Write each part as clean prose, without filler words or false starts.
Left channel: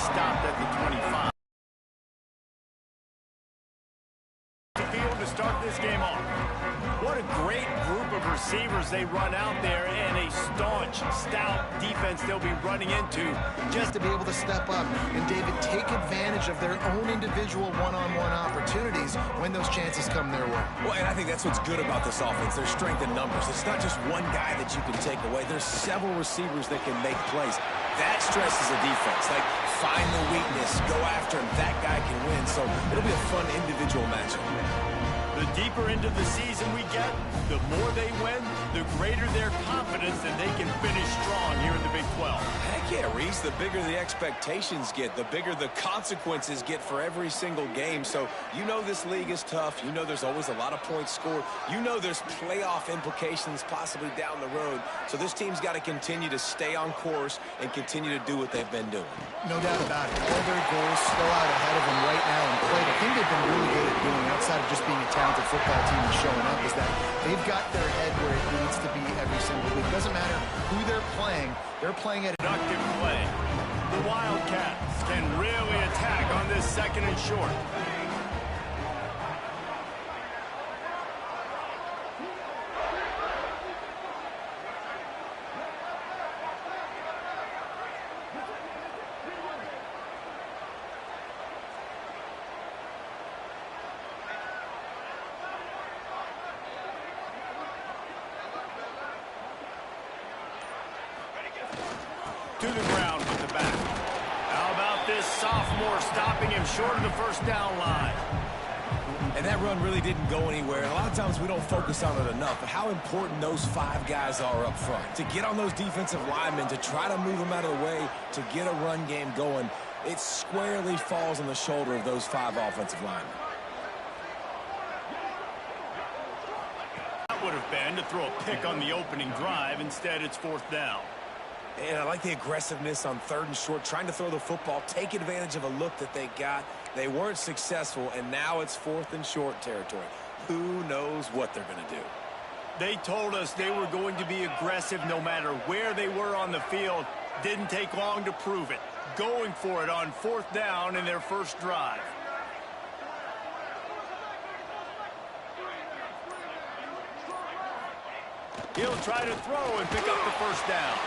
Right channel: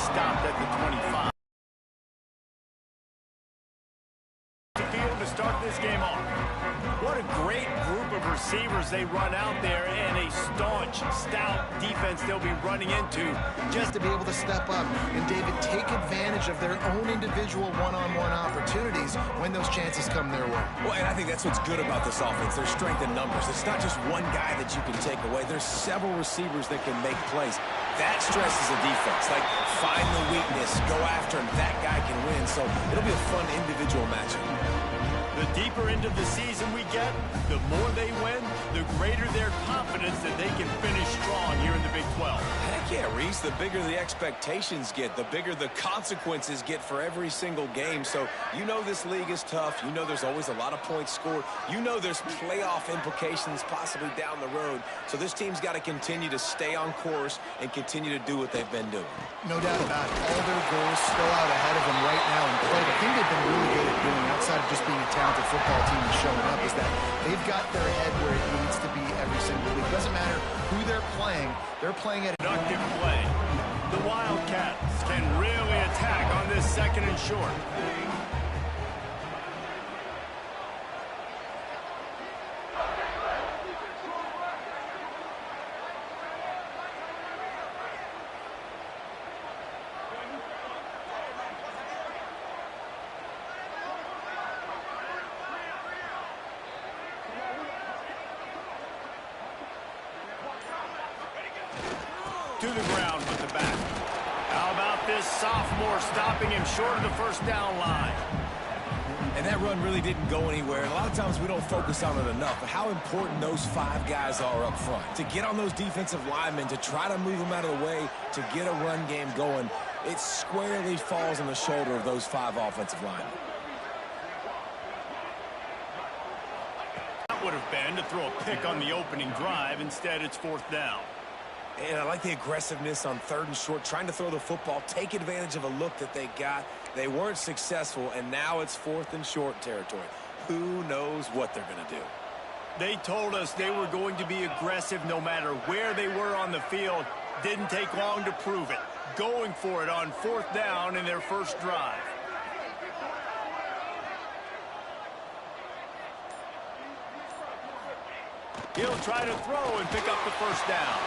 stopped at the 25. Field to start this game off. What a great group of receivers they run out there, and a staunch, stout defense they'll be running into. Just to be able to step up and, David, take advantage of their own individual one-on-one opportunities when those chances come their way. Well, and I think that's what's good about this offense, their strength in numbers. It's not just one guy that you can take away. There's several receivers that can make plays. That stresses a defense. Like, find the weakness, go after him. That guy can win. So it'll be a fun individual matchup. The deeper into the season we get, the more they win, the greater their confidence that they can finish strong here in the Big 12. Heck yeah, Reese. The bigger the expectations get, the bigger the consequences get for every single game. So you know this league is tough. You know there's always a lot of points scored. You know there's playoff implications possibly down the road. So this team's got to continue to stay on course and continue to do what they've been doing. No doubt about it. All their goals still out ahead of them right now in play. The thing they've been really good at doing, outside of just being a talented football team and showing up, is that they've got their head where it needs to be every single week. Doesn't matter who they're playing at Productive play. The Wildcats can really attack on this second and short. To the ground with the back. How about this sophomore stopping him short of the first down line? And that run really didn't go anywhere. And a lot of times we don't focus on it enough. But how important those five guys are up front. To get on those defensive linemen, to try to move them out of the way, to get a run game going, it squarely falls on the shoulder of those five offensive linemen. That would have been to throw a pick on the opening drive. Instead, it's fourth down. And I like the aggressiveness on third and short, trying to throw the football, take advantage of a look that they got. They weren't successful, and now it's fourth and short territory. Who knows what they're going to do? They told us they were going to be aggressive no matter where they were on the field. Didn't take long to prove it. Going for it on fourth down in their first drive. He'll try to throw and pick up the first down.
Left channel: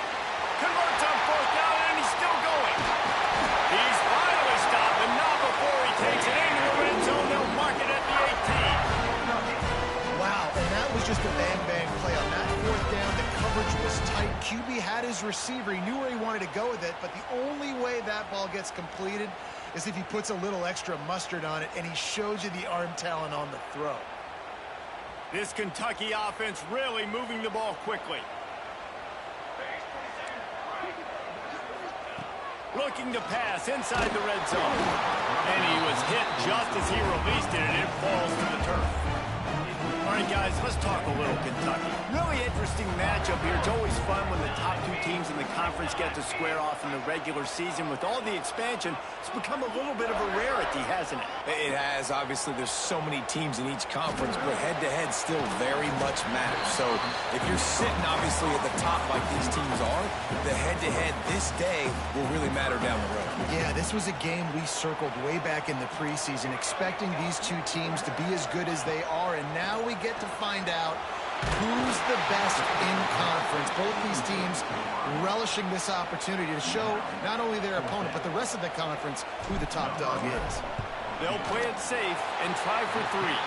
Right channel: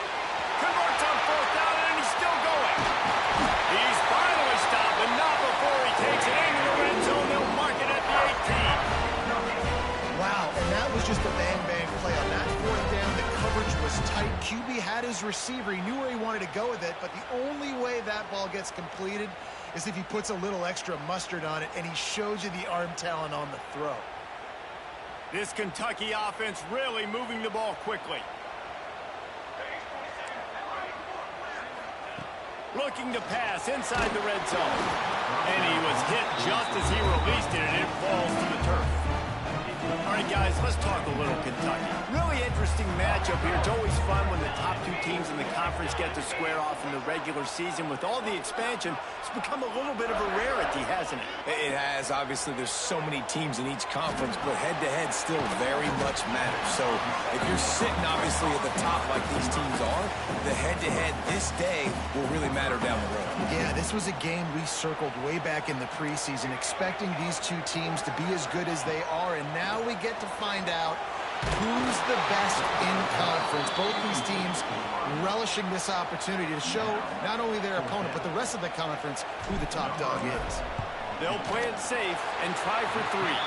Converts on fourth down, and he's still going. He's finally stopped, but not before he takes it into the red zone. They'll mark it at the 18. Wow, and that was just a bang-bang play. On that fourth down, the coverage was tight. QB had his receiver. He knew where he wanted to go with it, but the only way that ball gets completed is if he puts a little extra mustard on it, and he shows you the arm talent on the throw. This Kentucky offense really moving the ball quickly. Looking to pass inside the red zone. And he was hit just as he released it, and it falls to the turf. All right, guys, let's talk a little Kentucky. Really interesting matchup here. It's always fun when the top two teams in the conference get to square off in the regular season. With all the expansion, it's become a little bit of a rarity, hasn't it? It has. Obviously, there's so many teams in each conference, but head-to-head still very much matters. So if you're sitting, obviously, at the top like these teams are, the head-to-head this day will really matter down the road. Yeah, this was a game we circled way back in the preseason, expecting these two teams to be as good as they are, and now we get to find out who's the best in conference. Both these teams relishing this opportunity to show not only their opponent, but the rest of the conference who the top dog is. They'll play it safe and try for three.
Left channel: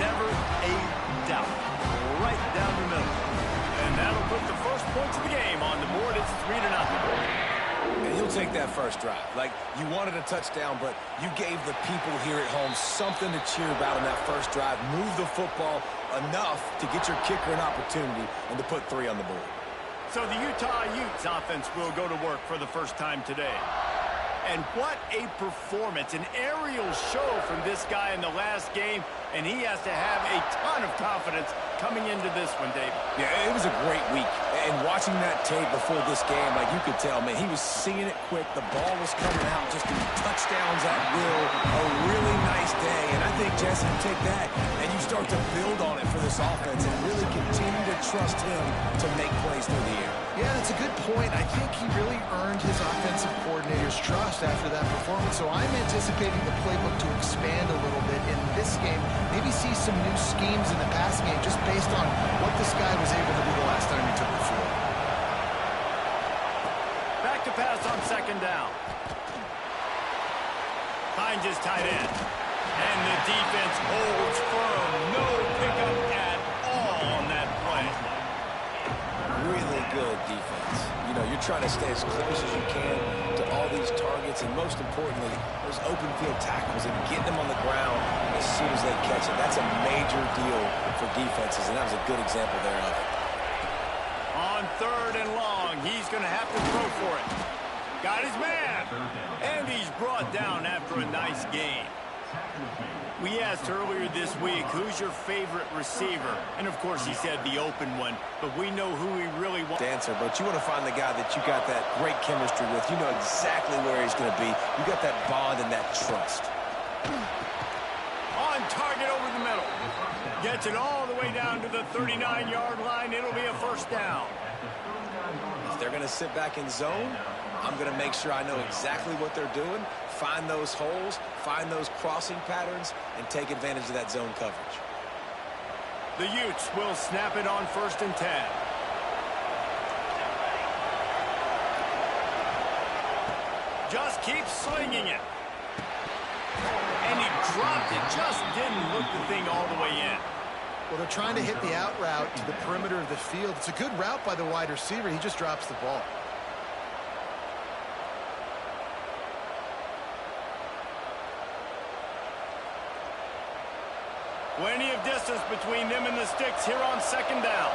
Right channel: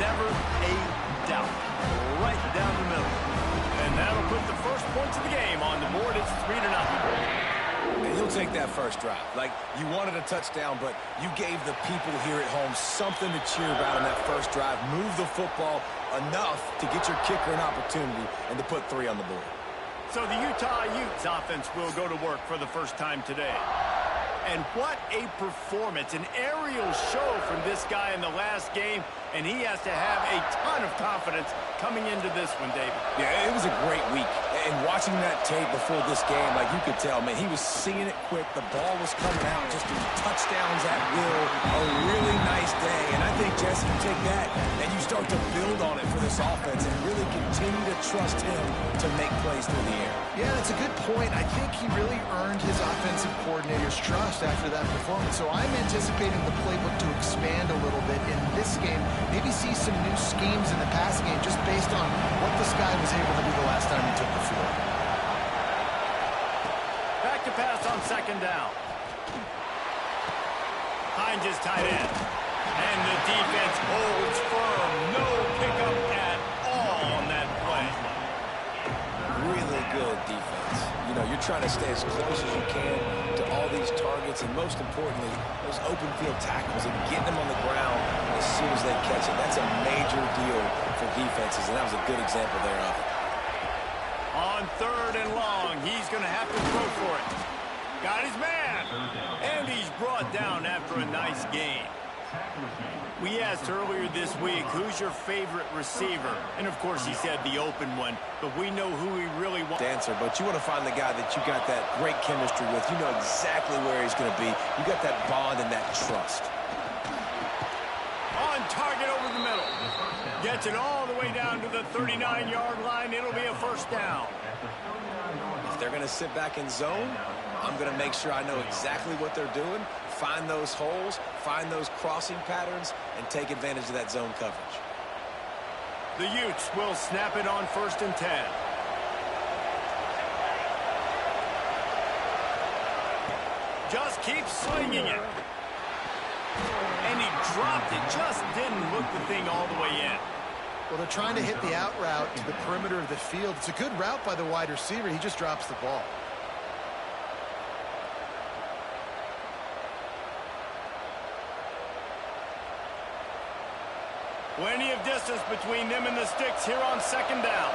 Never a doubt. Right down the middle. And that'll put the first points of the game on the board. It's 3-0. And you'll take that first drive. Like, you wanted a touchdown, but you gave the people here at home something to cheer about in that first drive. Move the football enough to get your kicker an opportunity and to put 3 on the board. So the Utah Utes offense will go to work for the first time today. And what a performance, an aerial show from this guy in the last game, and he has to have a ton of confidence coming into this one, David. Yeah, it was a great week, and watching that tape before this game, like, you could tell, man, he was seeing it quick. The ball was coming out just in touchdowns at will. A really nice day, and I think, Jesse, you take that and you start to build on it for this offense and really continue to trust him to make plays through the air. Yeah, that's a good point. I think he really earned earned his offensive coordinator's trust after that performance. So I'm anticipating the playbook to expand a little bit in this game. Maybe see some new schemes in the passing game just based on what this guy was able to do the last time he took the field. Back to pass on second down. Hines is tight end. And the defense holds firm. No pickup at all on that play. Really good defense. You know, you're trying to stay as close as you can to all these targets, and most importantly, those open field tackles and getting them on the ground as soon as they catch it. That's a major deal for defenses, and that was a good example there of it. On third and long, he's going to have to throw for it. Got his man. And he's brought down after a nice gain. We asked earlier this week, who's your favorite receiver? And, of course, he said the open one, but we know who he really wants. Answer, but you want to find the guy that you got that great chemistry with. You know exactly where he's going to be. You got that bond and that trust. On target over the middle. Gets it all the way down to the 39-yard line. It'll be a first down. If they're going to sit back in zone, I'm going to make sure I know exactly what they're doing, find those holes, find those crossing patterns, and take advantage of that zone coverage. The Utes will snap it on 1st and 10. Just keep slinging it. And he dropped it. Just didn't look the thing all the way in. Well, they're trying to hit the out route to the perimeter of the field. It's a good route by the wide receiver. He just drops the ball. Plenty of distance between them and the sticks here on second down.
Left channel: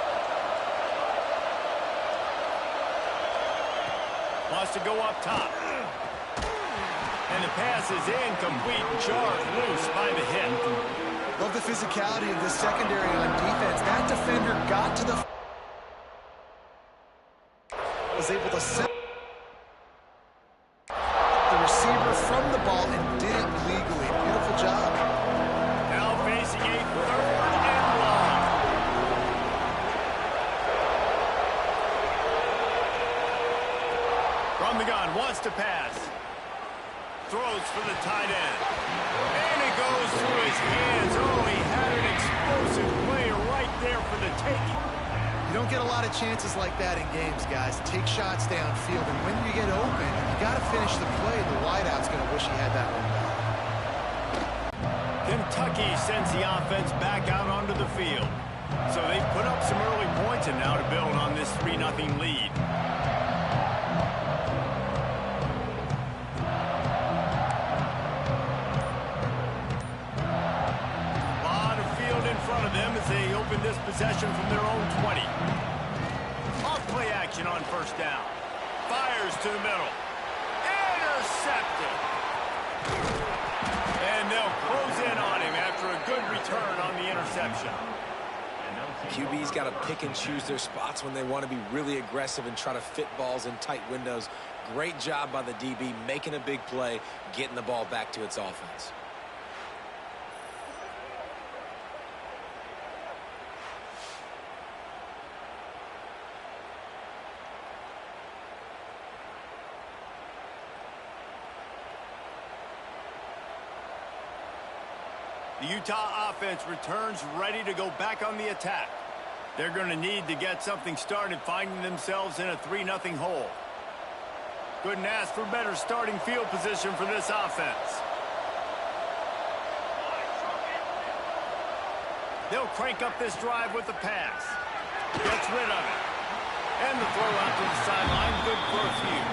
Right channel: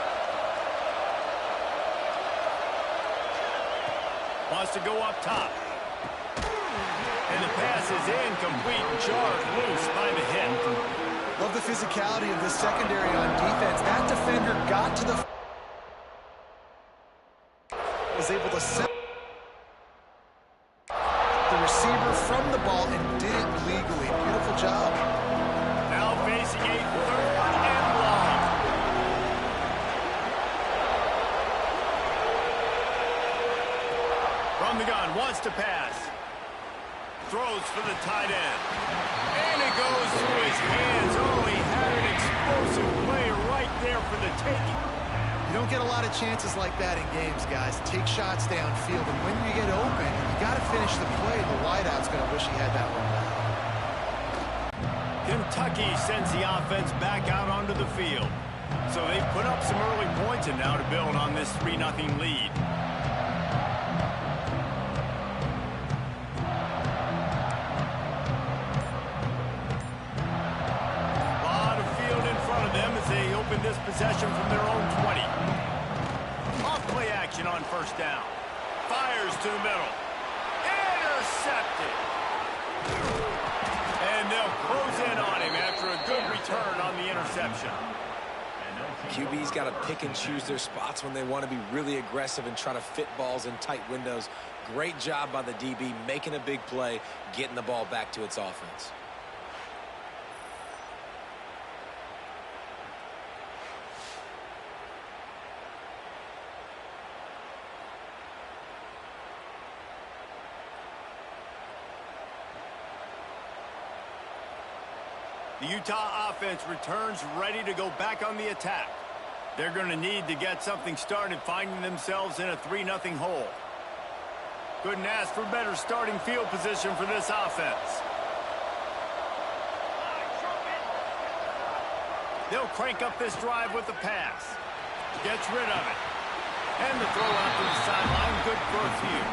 Wants to go up top. And the pass is incomplete. Jarred loose by the hit. Love the physicality of the secondary on defense. That defender got to the... was able to set the receiver from the ball and did it legally. Beautiful job. Now facing a 3rd and long. From the gun, wants to pass. Throws for the tight end. And it goes through his hands. Oh, he had an explosive play right there for the taking. You don't get a lot of chances like that in games, guys. Take shots downfield, and when you get open, you got to finish the play. The wideout's going to wish he had that one back. Kentucky sends the offense back out onto the field. So they've put up some early points and now to build on this 3-0 lead. Of them as they open this possession from their own 20. Off play action on 1st down. Fires to the middle. Intercepted. And they'll close in on him after a good return on the interception. QB's got to pick and choose their spots when they want to be really aggressive and try to fit balls in tight windows. Great job by the DB making a big play, getting the ball back to its offense. The Utah offense returns ready to go back on the attack. They're going to need to get something started, finding themselves in a 3-0 hole. Couldn't ask for better starting field position for this offense. They'll crank up this drive with the pass. Gets rid of it. And the throw out to the sideline, good for a few.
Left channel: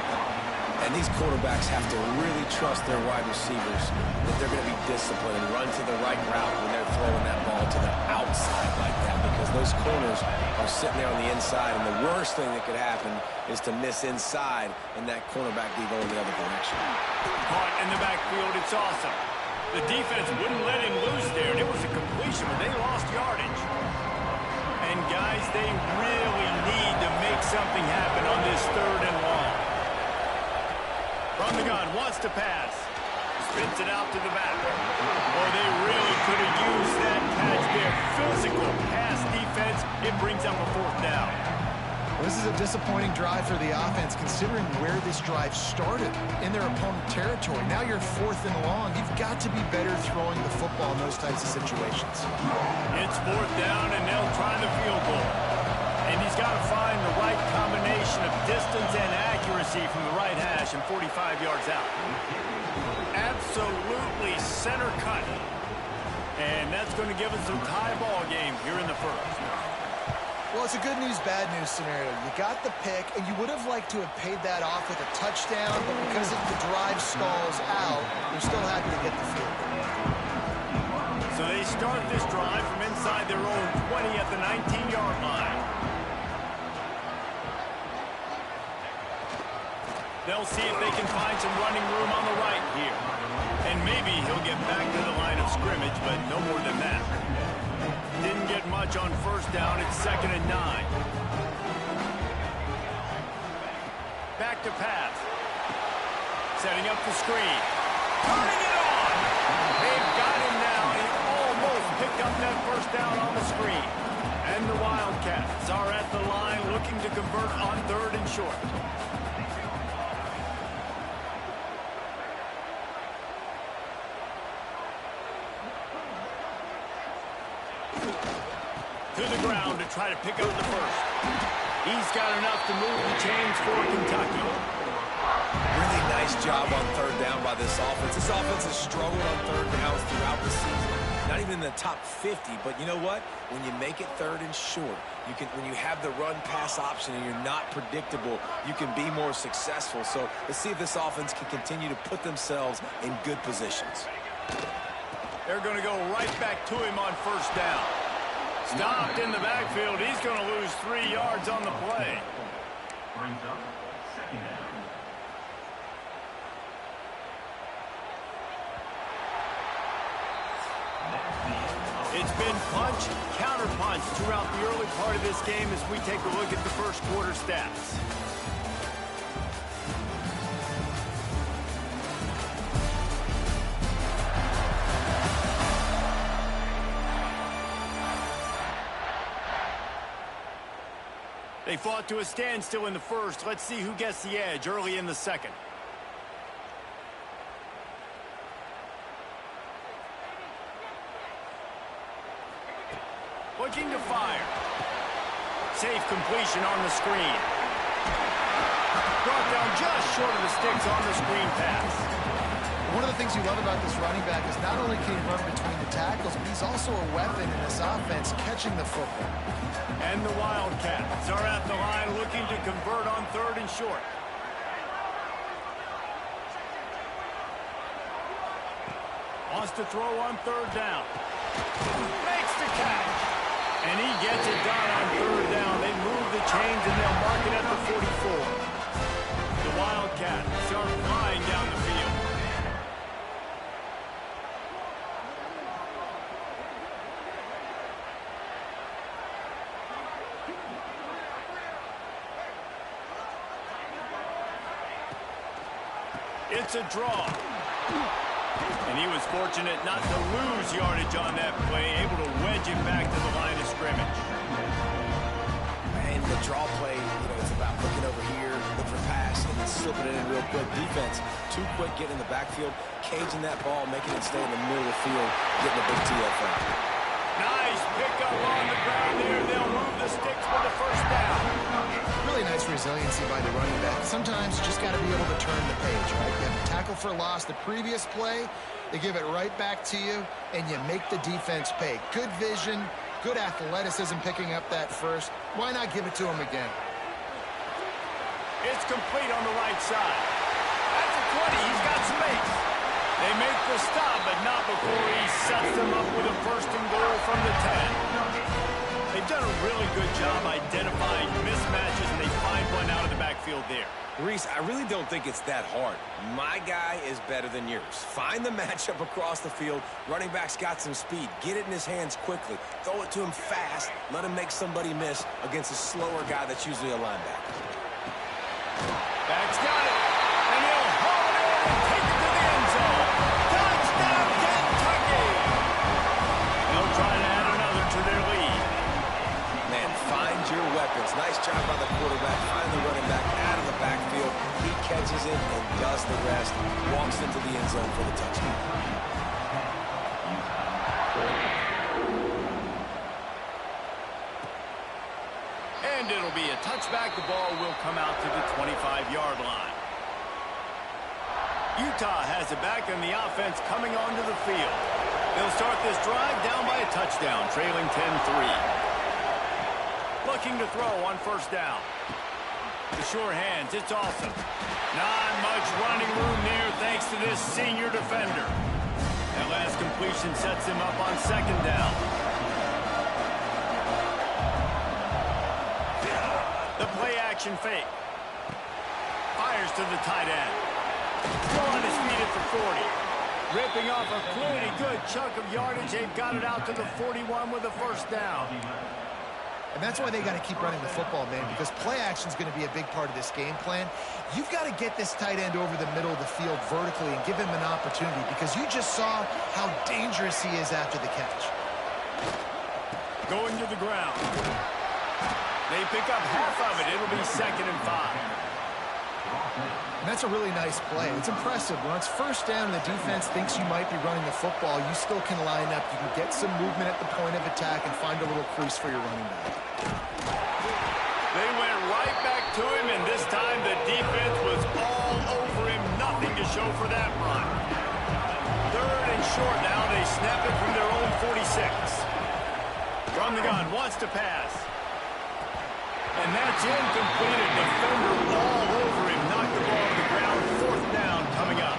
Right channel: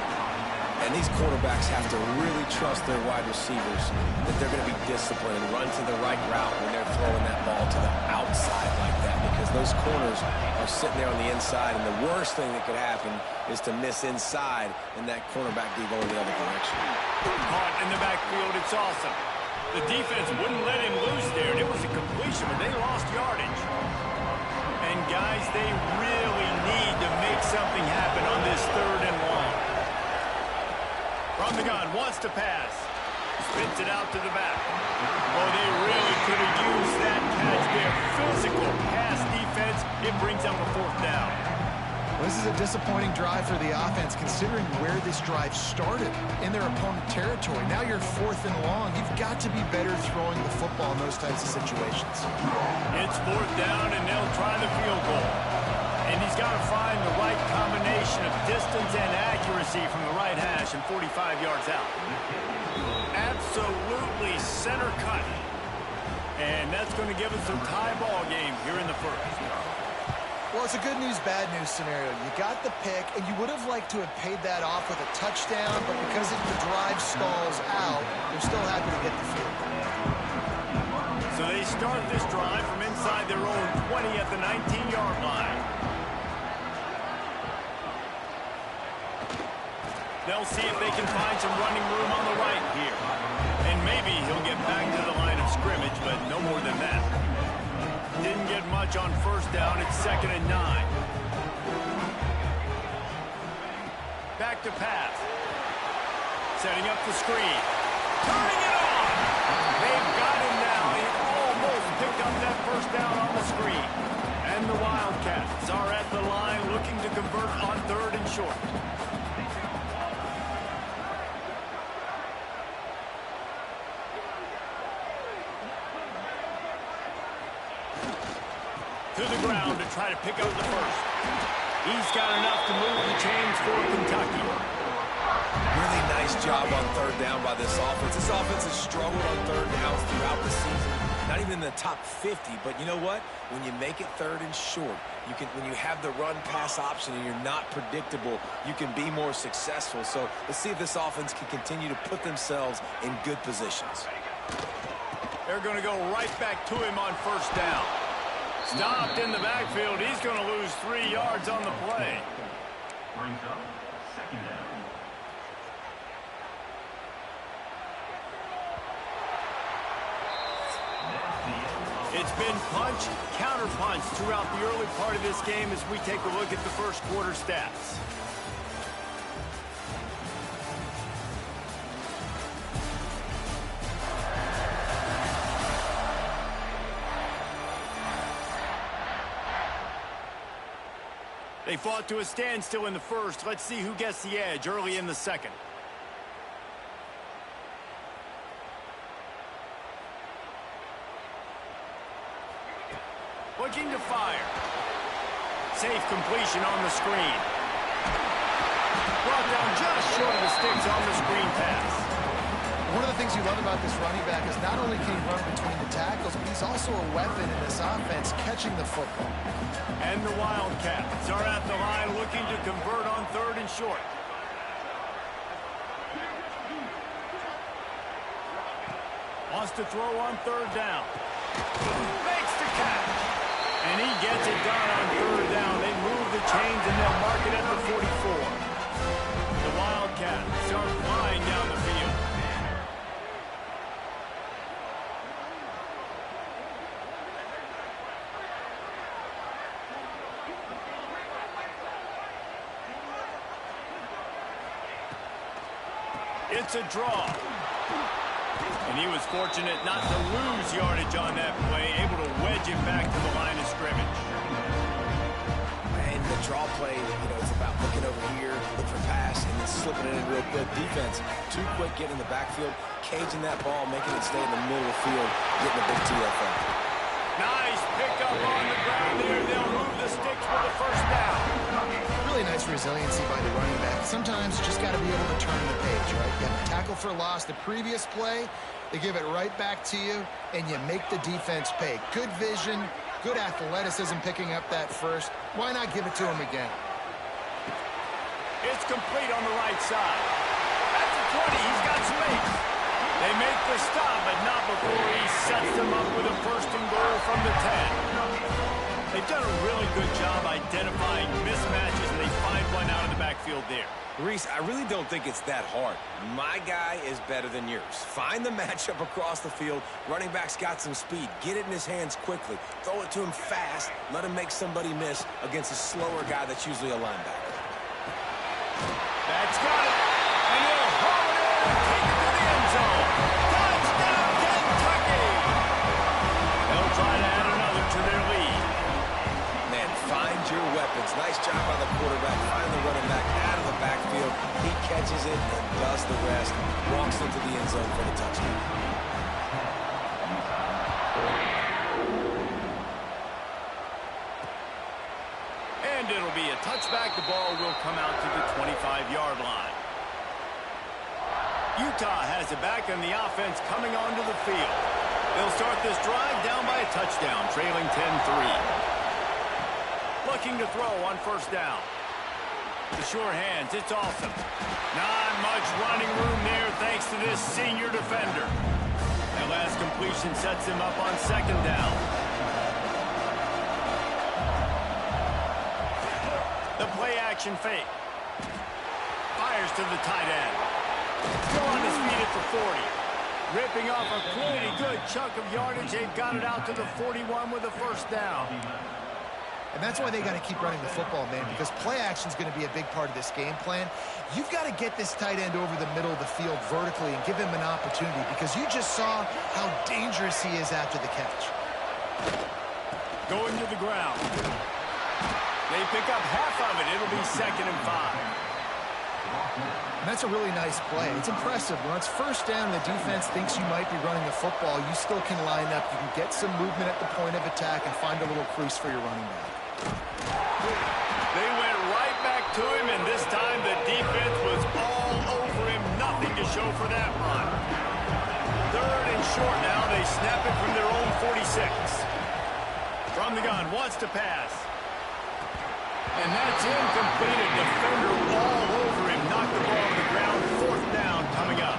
And these quarterbacks have to really trust their wide receivers that they're going to be disciplined and run to the right route when they're throwing that ball to the outside like that, because those corners are sitting there on the inside, and the worst thing that could happen is to miss inside and that cornerback be going the other direction. Caught in the backfield, it's awesome. The defense wouldn't let him loose there, and it was a completion, but they lost yardage. And guys, they really need to make something happen on this 3rd and long. From the gun, wants to pass. Spins it out to the back. Oh, they really could have used that catch there. Physical pass defense. It brings up a 4th down. Well, this is a disappointing drive for the offense, considering where this drive started, in their opponent territory. Now you're 4th and long. You've got to be better throwing the football in those types of situations. It's 4th down, and they'll try the field goal. And he's got to find the right combination of distance and accuracy from the right hash and 45 yards out. Absolutely center cut. And that's going to give us a tie ball game here in the first. Well, it's a good news, bad news scenario. You got the pick, and you would have liked to have paid that off with a touchdown, but because the drive stalls out, they're still happy to get the field goal. So they start this drive from inside their own 20 at the 19-yard line. They'll see if they can find some running room on the right here. And maybe he'll get back to the line of scrimmage, but no more than that. Didn't get much on 1st down. It's 2nd and 9. Back to pass. Setting up the screen. Turning it on. They've got him now. He almost picked up that 1st down on the screen. And the Wildcats are at the line looking to convert on 3rd and short. To the ground to try to pick up the 1st. He's got enough to move the chains for Kentucky. Really nice job on 3rd down by this offense. This offense has struggled on 3rd downs throughout the season. Not even in the top 50, but you know what? When you make it 3rd and short, when you have the run-pass option and you're not predictable, you can be more successful. So let's see if this offense can continue to put themselves in good positions. They're going to go right back to him on 1st down. Stopped in the backfield. He's going to lose 3 yards on the play. Brings up 2nd down. It's been punch, counter punch throughout the early part of this game as we take a look at the 1st quarter stats. They fought to a standstill in the 1st. Let's see who gets the edge early in the 2nd. Looking to fire. Safe completion on the screen. Brought down just short of the sticks on the screen pass. One of the things you love about this running back is not only can he run between the tackles, but he's also a weapon in this offense catching the football. And the Wildcats are at the line looking to convert on 3rd and short. Wants to throw on 3rd down. Makes the catch. And he gets it done on 3rd down. They move the chains and they'll mark it at the 44. The Wildcats are flying down the field. It's a draw. And he was fortunate not to lose yardage on that play, able to wedge it back to the line of scrimmage. And the draw play, it's about looking over here, look for pass, and then slipping it in real quick. Defense, too quick getting in the backfield, caging that ball, making it stay in the middle of the field, getting a big TFL. Nice pickup on the ground there. They'll move the sticks for the 1st down. Really nice resiliency by the running back. Sometimes you just got to be able to turn the page, right? You have a tackle for loss the previous play, they give it right back to you, and you make the defense pay. Good vision, good athleticism picking up that 1st. Why not give it to him again? It's complete on the right side. At the 20, he's got space. They make the stop, but not before he sets them up with a 1st and goal from the 10. They've done a really good job identifying mismatches, and they find one out of the backfield there. Reese, I really don't think it's that hard. My guy is better than yours. Find the matchup across the field. Running back's got some speed. Get it in his hands quickly. Throw it to him fast. Let him make somebody miss against a slower guy that's usually a linebacker. Back's got it. And he'll haul it in and take it to the end zone. Touchdown, Kentucky! They'll try to add another to their lead. Man, find your weapons. Nice job by the quarterback, finding the running back out of the backfield. He catches it and does the rest. Walks into the end zone for the touchdown. And it'll be a touchback. The ball will come out to the 25-yard line. Utah has it back, and the offense coming onto the field. They'll start this drive down by a touchdown, trailing 10-3. Looking to throw on first down. The sure hands, it's awesome. Not much running room there thanks to this senior defender. That last completion sets him up on second down. The play action fake. Fires to the tight end. Still on his feet at the 40. Ripping off a pretty good chunk of yardage. They've got it out to the 41 with a first down. And that's why they got to keep running the football, man, because play action is going to be a big part of this game plan. You've got to get this tight end over the middle of the field vertically and give him an opportunity, because you just saw how dangerous he is after the catch. Going to the ground. They pick up half of it. It'll be 2nd and 5. And that's a really nice play. It's impressive. When it's first down and the defense thinks you might be running the football, you still can line up. You can get some movement at the point of attack and find a little crease for your running back. They went right back to him, and this time the defense was all over him. Nothing to show for that run. 3rd and short now. They snap it from their own 46. From the gun, wants to pass. And that's incomplete. A defender all over him. Knocked the ball to the ground. 4th down coming up.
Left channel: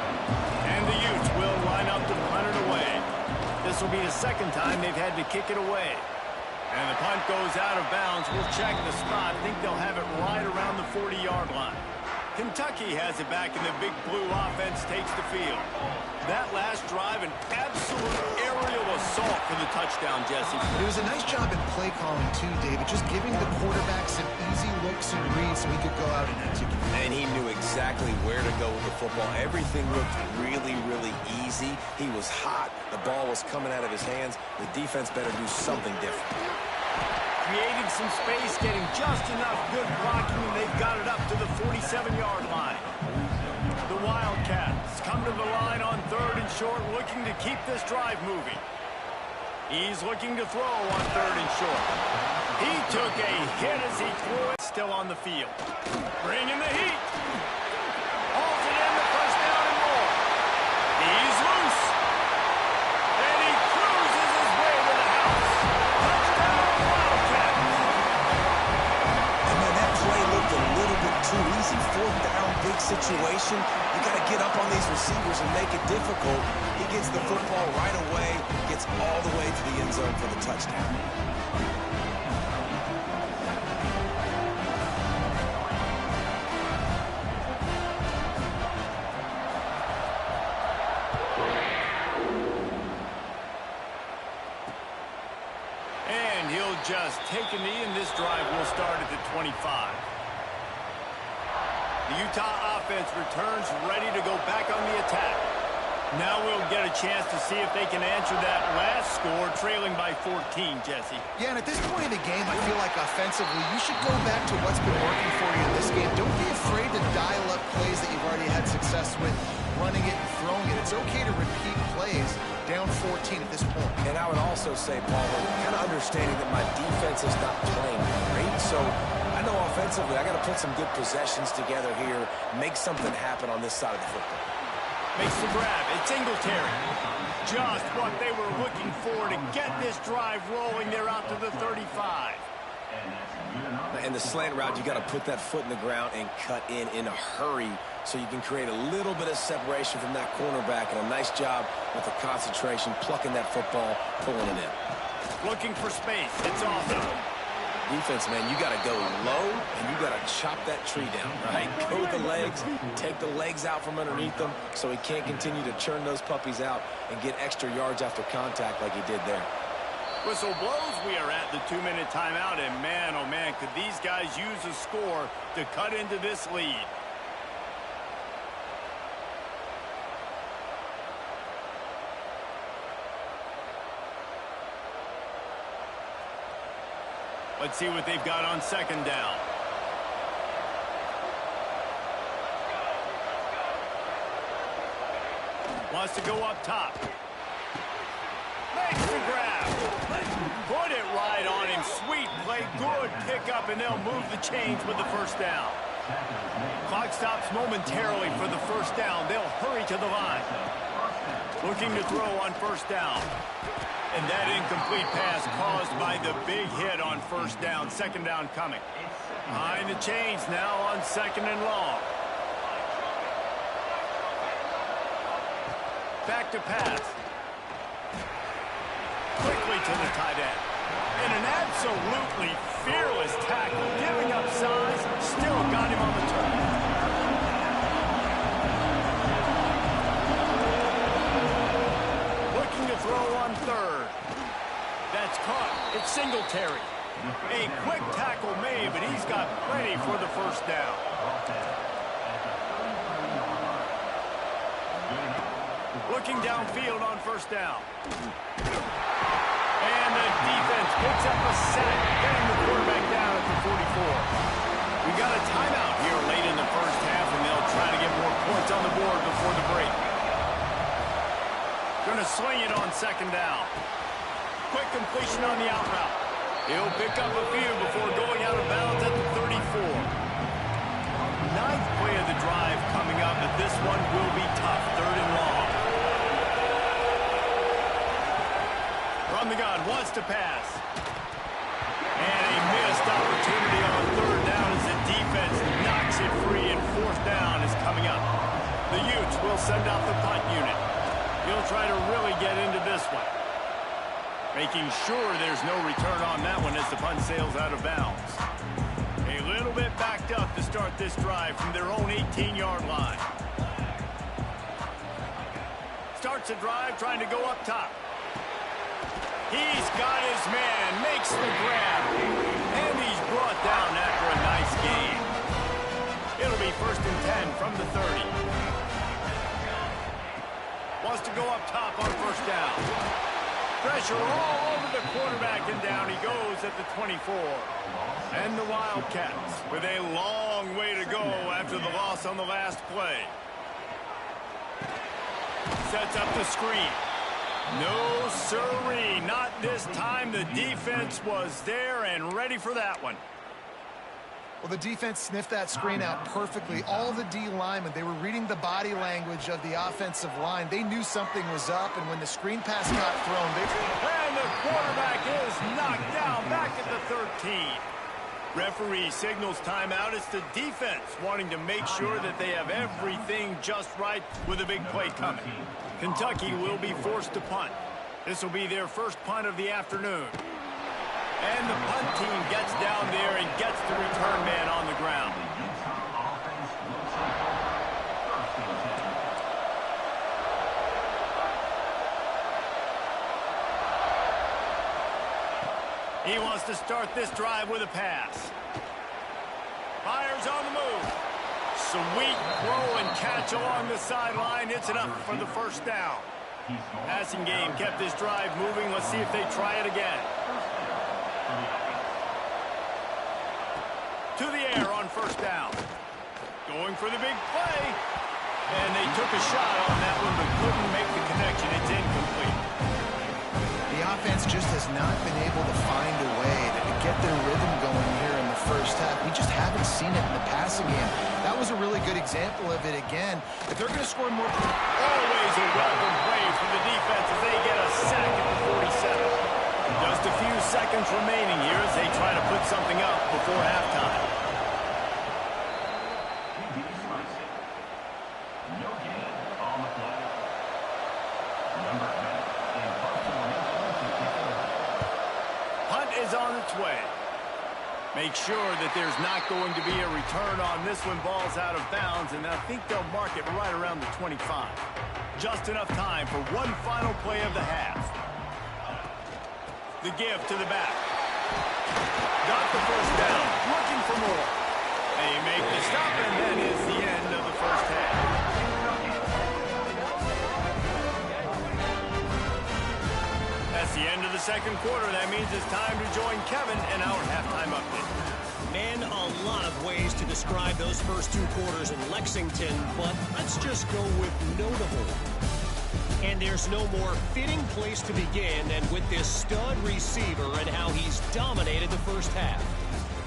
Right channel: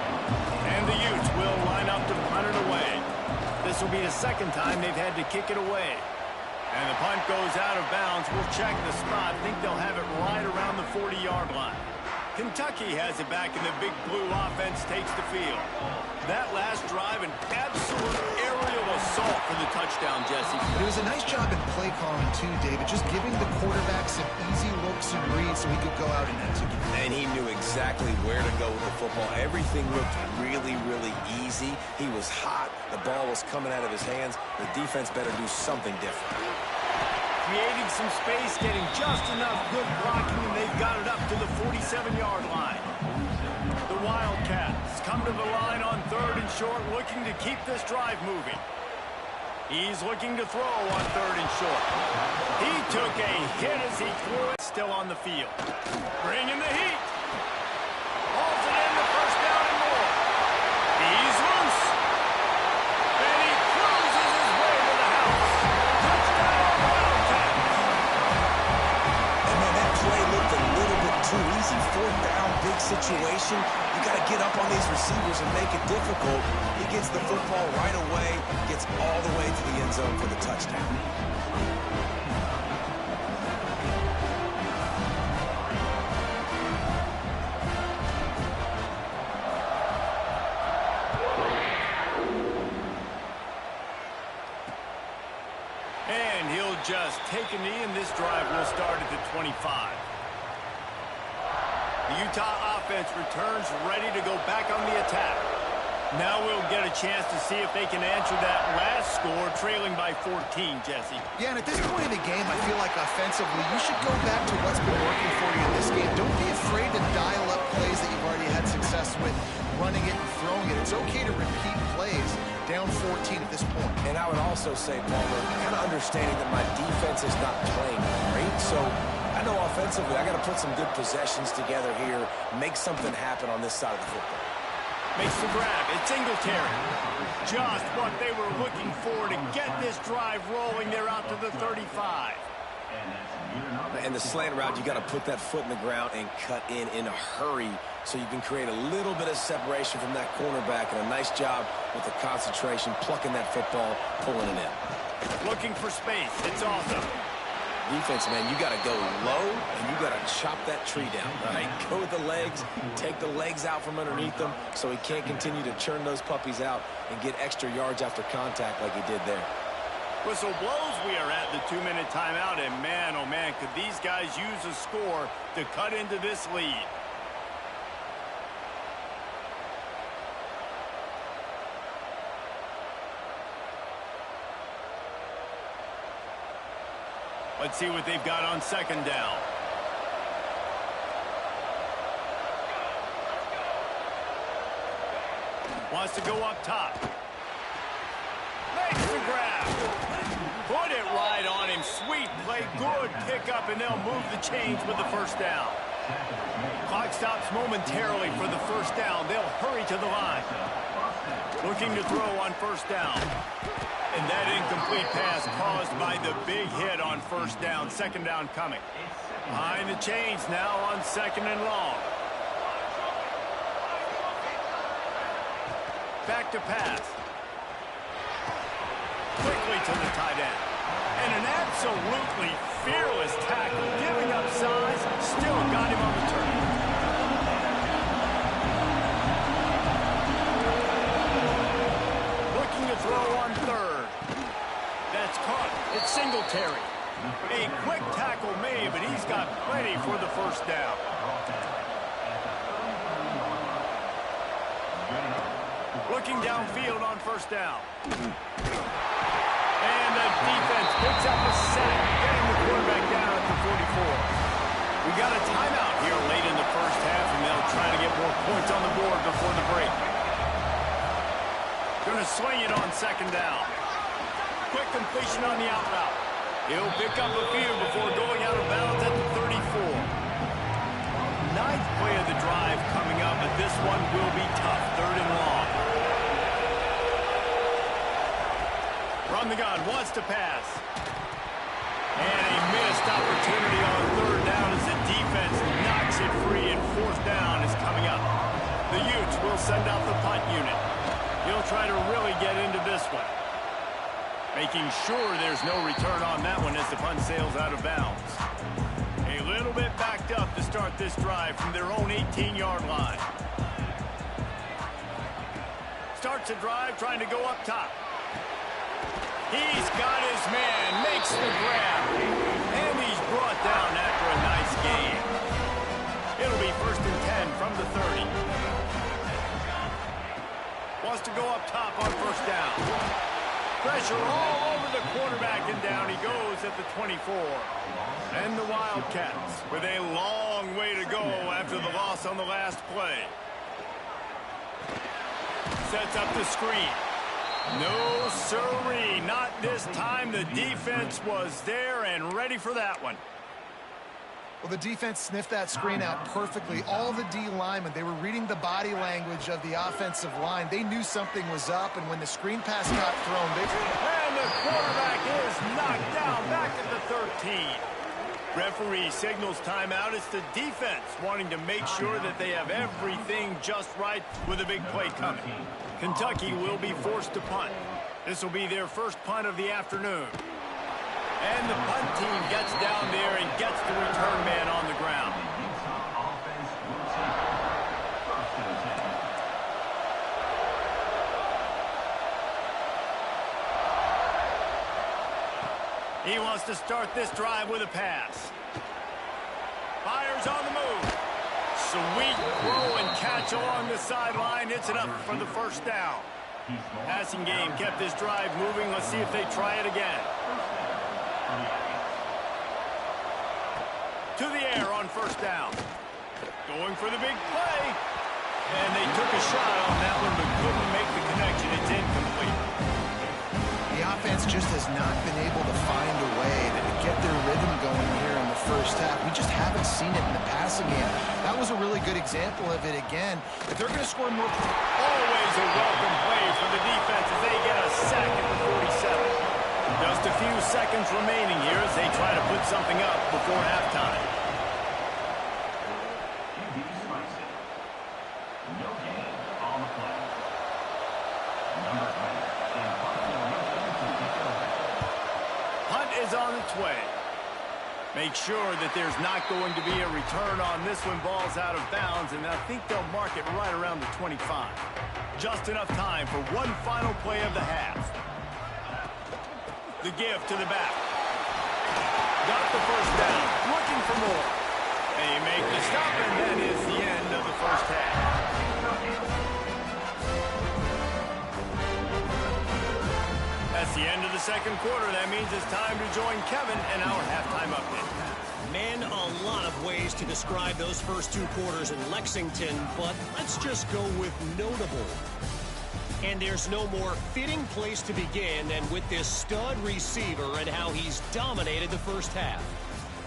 And the Utes will line up to punt it away. This will be the 2nd time they've had to kick it away. And the punt goes out of bounds. We'll check the spot. I think they'll have it right around the 40-yard line. Kentucky has it back, and the Big Blue offense takes the field. That last drive, an absolute aerial assault for the touchdown, Jesse. It was a nice job in play calling, too, David, just giving the quarterback some easy looks and reads so he could go out and execute. And he knew exactly where to go with the football. Everything looked really, really easy. He was hot. The ball was coming out of his hands. The defense better do something different. Creating some space, getting just enough good blocking, and they've got it up to the 47-yard line. The Wildcats come to the line on 3rd and short, looking to keep this drive moving. He's looking to throw on 3rd and short. He took a hit as he threw it. Still on the field. Bringing the heat. Hauls it in, the first down and more. He's loose. And he cruises his way to the house. Touchdown, Wildcats. And man, that play looked a little bit too easy. 4th down, big situation. You got to get up on these receivers and make it difficult. He gets the football right away, gets all the way to the end zone for the touchdown. And he'll just take a knee, and this drive will start at the 25. The Utah offense returns ready to go back on the attack. Now we'll get a chance to see if they can answer that last score, trailing by 14, Jesse. Yeah, and at this point in the game, I feel like offensively, you should go back to what's been working for you in this game. Don't be afraid to dial up plays that you've already had success with, running it and throwing it. It's okay to repeat plays down 14 at this point. And I would also say, Palmer, kind of understanding that my defense is not playing great, so I know offensively I got to put some good possessions together here, make something happen on this side of the football. Makes the grab. It's Singletary. Just what they were looking for to get this drive rolling. They're out to the 35. And the slant route, you got to put that foot in the ground and cut in a hurry so you can create a little bit of separation from that cornerback, and a nice job with the concentration, plucking that football, pulling it in. Looking for space. It's awesome. Defense, man, you got to go low, and you got to chop that tree down, right? Go with the legs, take the legs out from underneath them so he can't continue to churn those puppies out and get extra yards after contact like he did there. Whistle blows. We are at the 2-minute timeout, and man, oh man, could these guys use a score to cut into this lead. Let's see what they've got on second down. Wants to go up top. Makes the grab. Put it right on him. Sweet play. Good pickup, and they'll move the chains with the first down. Clock stops momentarily for the first down. They'll hurry to the line. Looking to throw on first down. And that incomplete pass caused by the big hit on first down. Second down coming. Behind the chains now on second and long. Back to pass. Quickly to the tight end. And an absolutely fearless tackle. Giving up size. Still got him on the turn. Looking to throw on third. That's caught. It's Singletary. A quick tackle made, but he's got plenty for the first down. Looking downfield on first down. And the defense picks up a sack, getting the quarterback down at the 44. We got a timeout here late in the first half, and they'll try to get more points on the board before the break. Going to swing it on second down. Quick completion on the out route. He'll pick up a few before going out of bounds at the 34. Ninth play of the drive coming up, but this one will be tough. Third and long. From the gun, wants to pass. And a missed opportunity on third down as the defense knocks it free, and fourth down is coming up. The Utes will send out the punt unit. He'll try to really get into this one. Making sure there's no return on that one as the punt sails out of bounds. A little bit backed up to start this drive from their own 18-yard line. Starts a drive trying to go up top. He's got his man, makes the grab, and he's brought down after a nice gain. It'll be 1st and 10 from the 30. Wants to go up top on first down. Pressure all over the quarterback, and down he goes at the 24. And the Wildcats with a long way to go after the loss on the last play. Sets up the screen. No, sirree, not this time. The defense was there and ready for that one. Well, the defense sniffed that screen out perfectly. All the D linemen, they were reading the body language of the offensive line. They knew something was up, and when the screen pass got thrown, And the quarterback is knocked down back at the 13. Referee signals timeout. It's the defense wanting to make sure that they have everything just right with a big play coming. Kentucky will be forced to punt. This will be their first punt of the afternoon. And the punt team gets down there and gets the return man on the ground. He wants to start this drive with a pass. Fires on the move. Sweet throw and catch along the sideline. It's enough for the first down. Passing game kept this drive moving. Let's see if they try it again. To the air on first down. Going for the big play. And they took a shot on that one, but couldn't make the connection. It's incomplete. the offense just has not been able to find a way to get their rhythm going here in the first half. We just haven't seen it in the passing game. That was a really good example of it again. If they're going to score more... Always a welcome play from the defense as they get a sack at the 47. Just a few seconds remaining here as they try to put something up before halftime. QB Spicy. No gain on the play. Number 10 in punt formation to kick it away. Punt is on its way. Make sure that there's not going to be a return on this one. Ball's out of bounds, and I think they'll mark it right around the 25. Just enough time for one final play of the half. The give to the back. Got the first down. Looking for more. They make the stop, and that is the end of the first half. That's the end of the second quarter. That means it's time to join Kevin in our halftime update. Man, a lot of ways to describe those first 2 quarters in Lexington, but let's just go with notable. And there's no more fitting place to begin than with this stud receiver and how he's dominated the first half.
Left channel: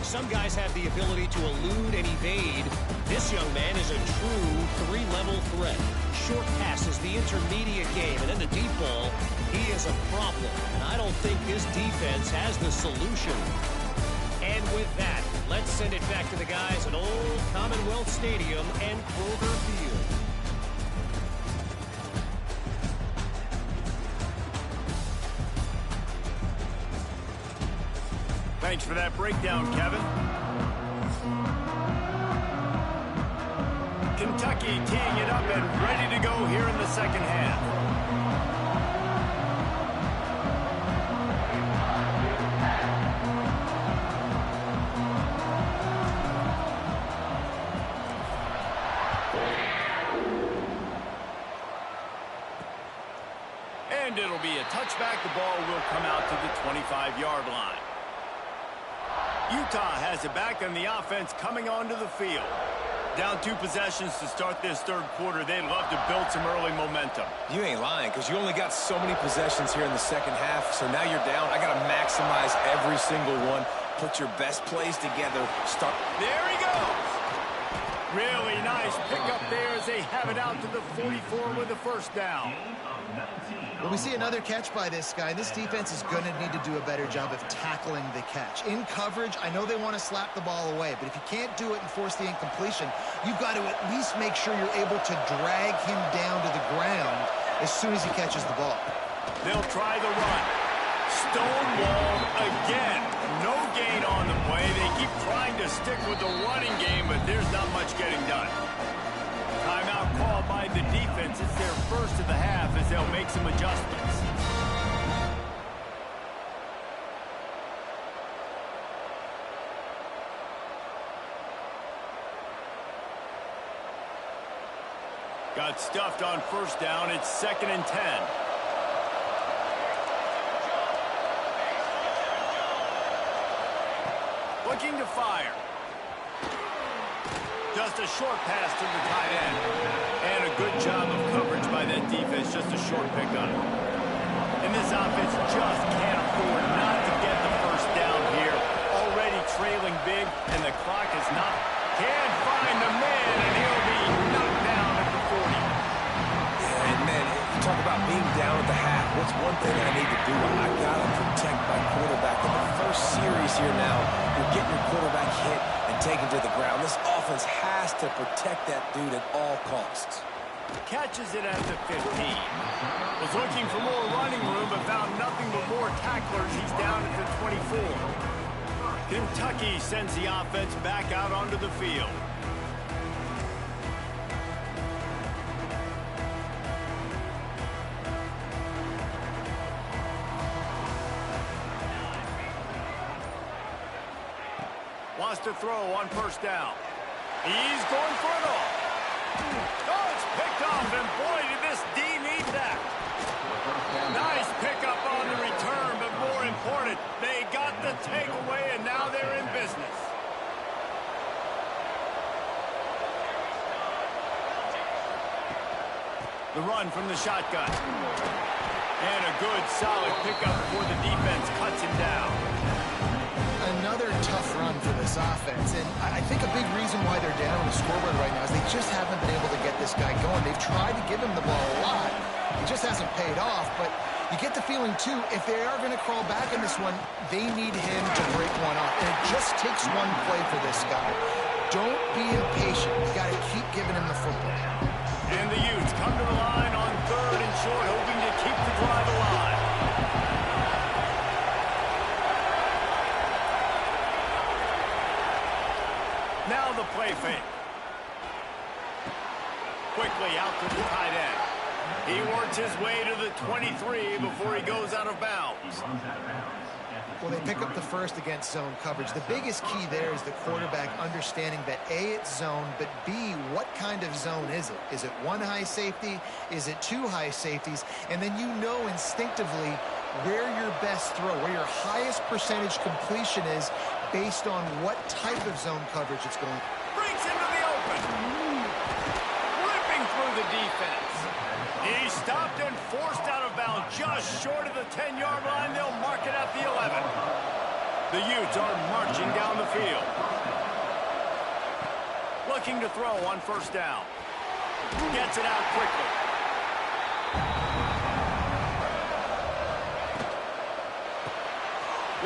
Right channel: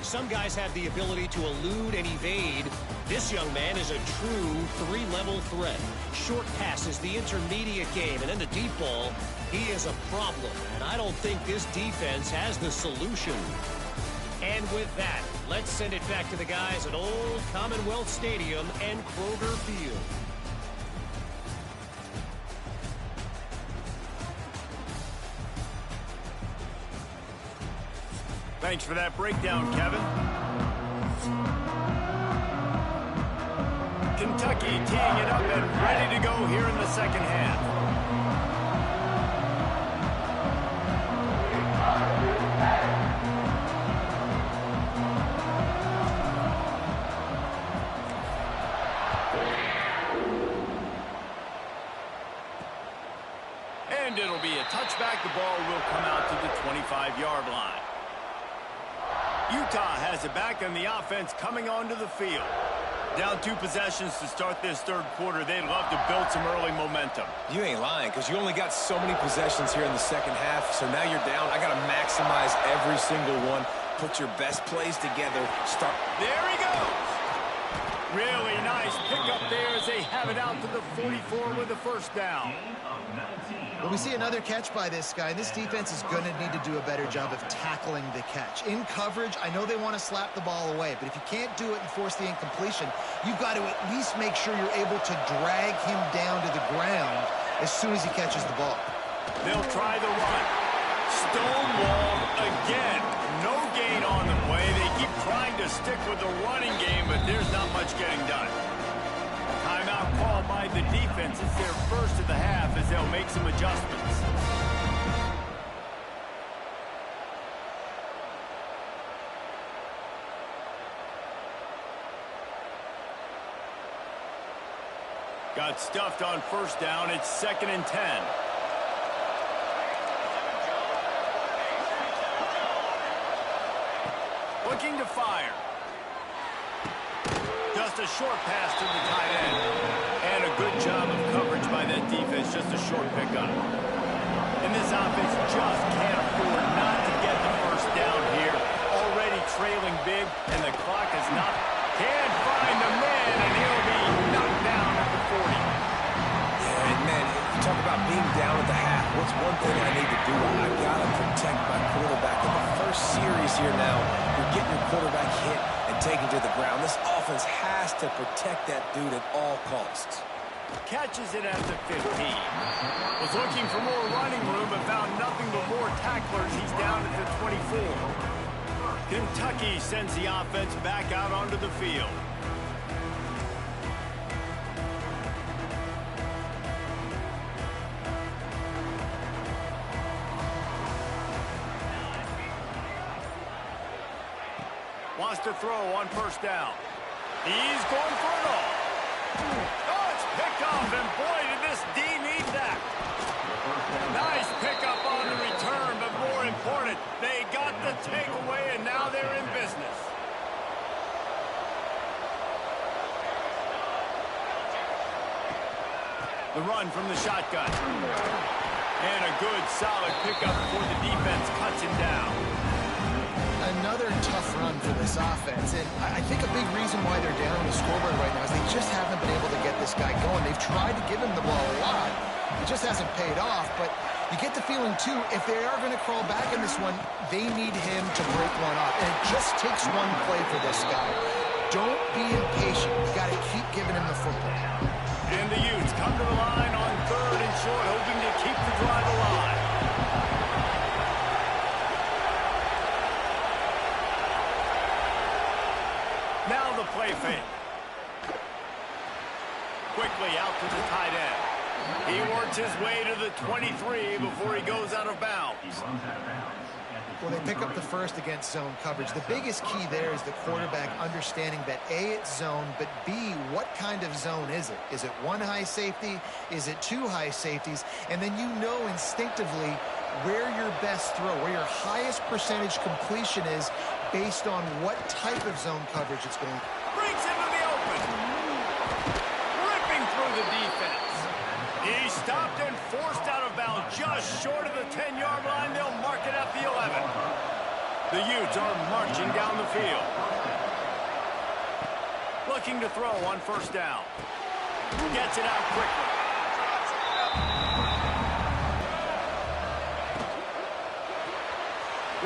Some guys have the ability to elude and evade. This young man is a true 3-level threat. Short passes, the intermediate game, and then the deep ball. He is a problem, and I don't think this defense has the solution. And with that, let's send it back to the guys at Old Commonwealth Stadium and Kroger Field. Thanks for that breakdown, Kevin. Kentucky teeing it up and ready to go here in the second half. And it'll be a touchback. The ball will come out to the 25-yard line. Utah has it back, and the offense coming onto the field. Down 2 possessions to start this third quarter. They'd love to build some early momentum. You ain't lying, because you only got so many possessions here in the second half, so now you're down. I got to maximize every single one. Put your best plays together. Start. There he goes. Really nice pickup there as they have it out to the 44 with a first down. Well, we see another catch by this guy. This defense is going to need to do a better job of tackling the catch. In coverage, I know they want to slap the ball away, but if you can't do it and force the incompletion, you've got to at least make sure you're able to drag him down to the ground as soon as he catches the ball. They'll try the run. Stonewalled again. No gain on the play. They keep trying to stick with the running game, but there's not much getting done. Timeout called by the defense. It's their first of the half as they'll make some adjustments. Got stuffed on first down. It's 2nd and 10. Looking to fire. Just a short pass to the tight end. And a good job of coverage by that defense. Just a short pickup. And this offense just can't afford not to get the first down here. Already trailing big, and the clock is not. Can't find the man, and he'll be knocked down at the 40. Yeah, and man, you talk about being down at the half. What's one thing I need to do? I got to protect my quarterback. In the first series here now, you're getting your quarterback hit and taken to the ground. This offense has to protect that dude at all costs. Catches it at the 15. Was looking for more running room, but found nothing but more tacklers. He's down at the 24. Kentucky sends the offense back out onto the field. Wants to throw on first down. He's going for it all. Oh, it's picked off, and boy, did this D need that. Nice pickup on the return, but more important, they got the takeaway, and now they're in business. The run from the shotgun. And a good, solid pickup before the defense cuts him down. Another tough run for this offense, and I think a big reason why they're down on the scoreboard right now is they just haven't been able to get this guy going. They've tried to give him the ball a lot. It just hasn't paid off, but you get the feeling, too, if they are going to crawl back in this one, they need him to break one off, and it just takes one play for this guy. Don't be impatient. You got to keep giving him the football. And the Utes come to the line on 3rd and short, hoping to keep the drive alive. Now the play fake. Quickly out to the tight end. He works his way to the 23 before he goes out of bounds. Well, they pick up the first against zone coverage. The biggest key there is the quarterback understanding that A, it's zone, but B, what kind of zone is it? Is it one high safety? Is it two high safeties? And then you know instinctively where your best throw, where your highest percentage completion is based on what type of zone coverage it's going. Breaks into the open. Ripping through the defense. He's stopped and forced out of bounds just short of the 10-yard line. They'll mark it at the 11. The Utes are marching down the field. Looking to throw on first down. Gets it out quickly.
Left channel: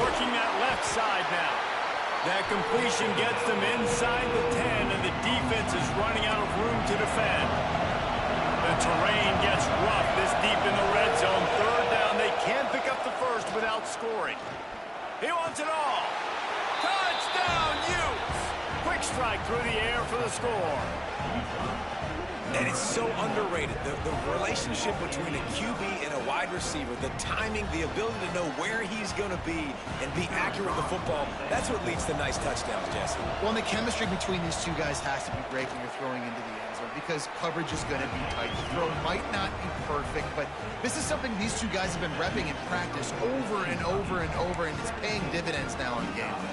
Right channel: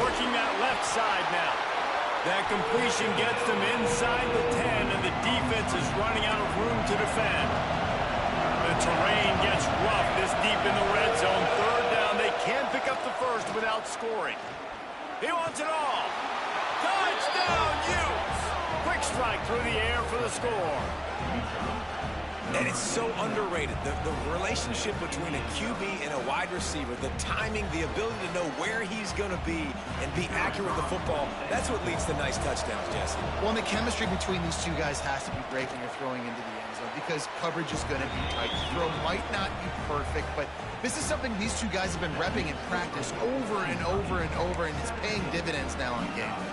Working that left side now. That completion gets them inside the 10, and the defense is running out of room to defend. The terrain gets rough this deep in the red zone. Third down, they can't pick up the first without scoring. He wants it all. Touchdown, Utes! Quick strike through the air for the score. And it's so underrated. The relationship between a QB and a wide receiver, the timing, the ability to know where he's going to be and be accurate with the football, that's what leads to nice touchdowns, Jesse. Well, and the chemistry between these two guys has to be great when you're throwing into the end zone because coverage is going to be tight. The throw might not be perfect, but this is something these two guys have been repping in practice over and over and over, and it's paying dividends now on game day.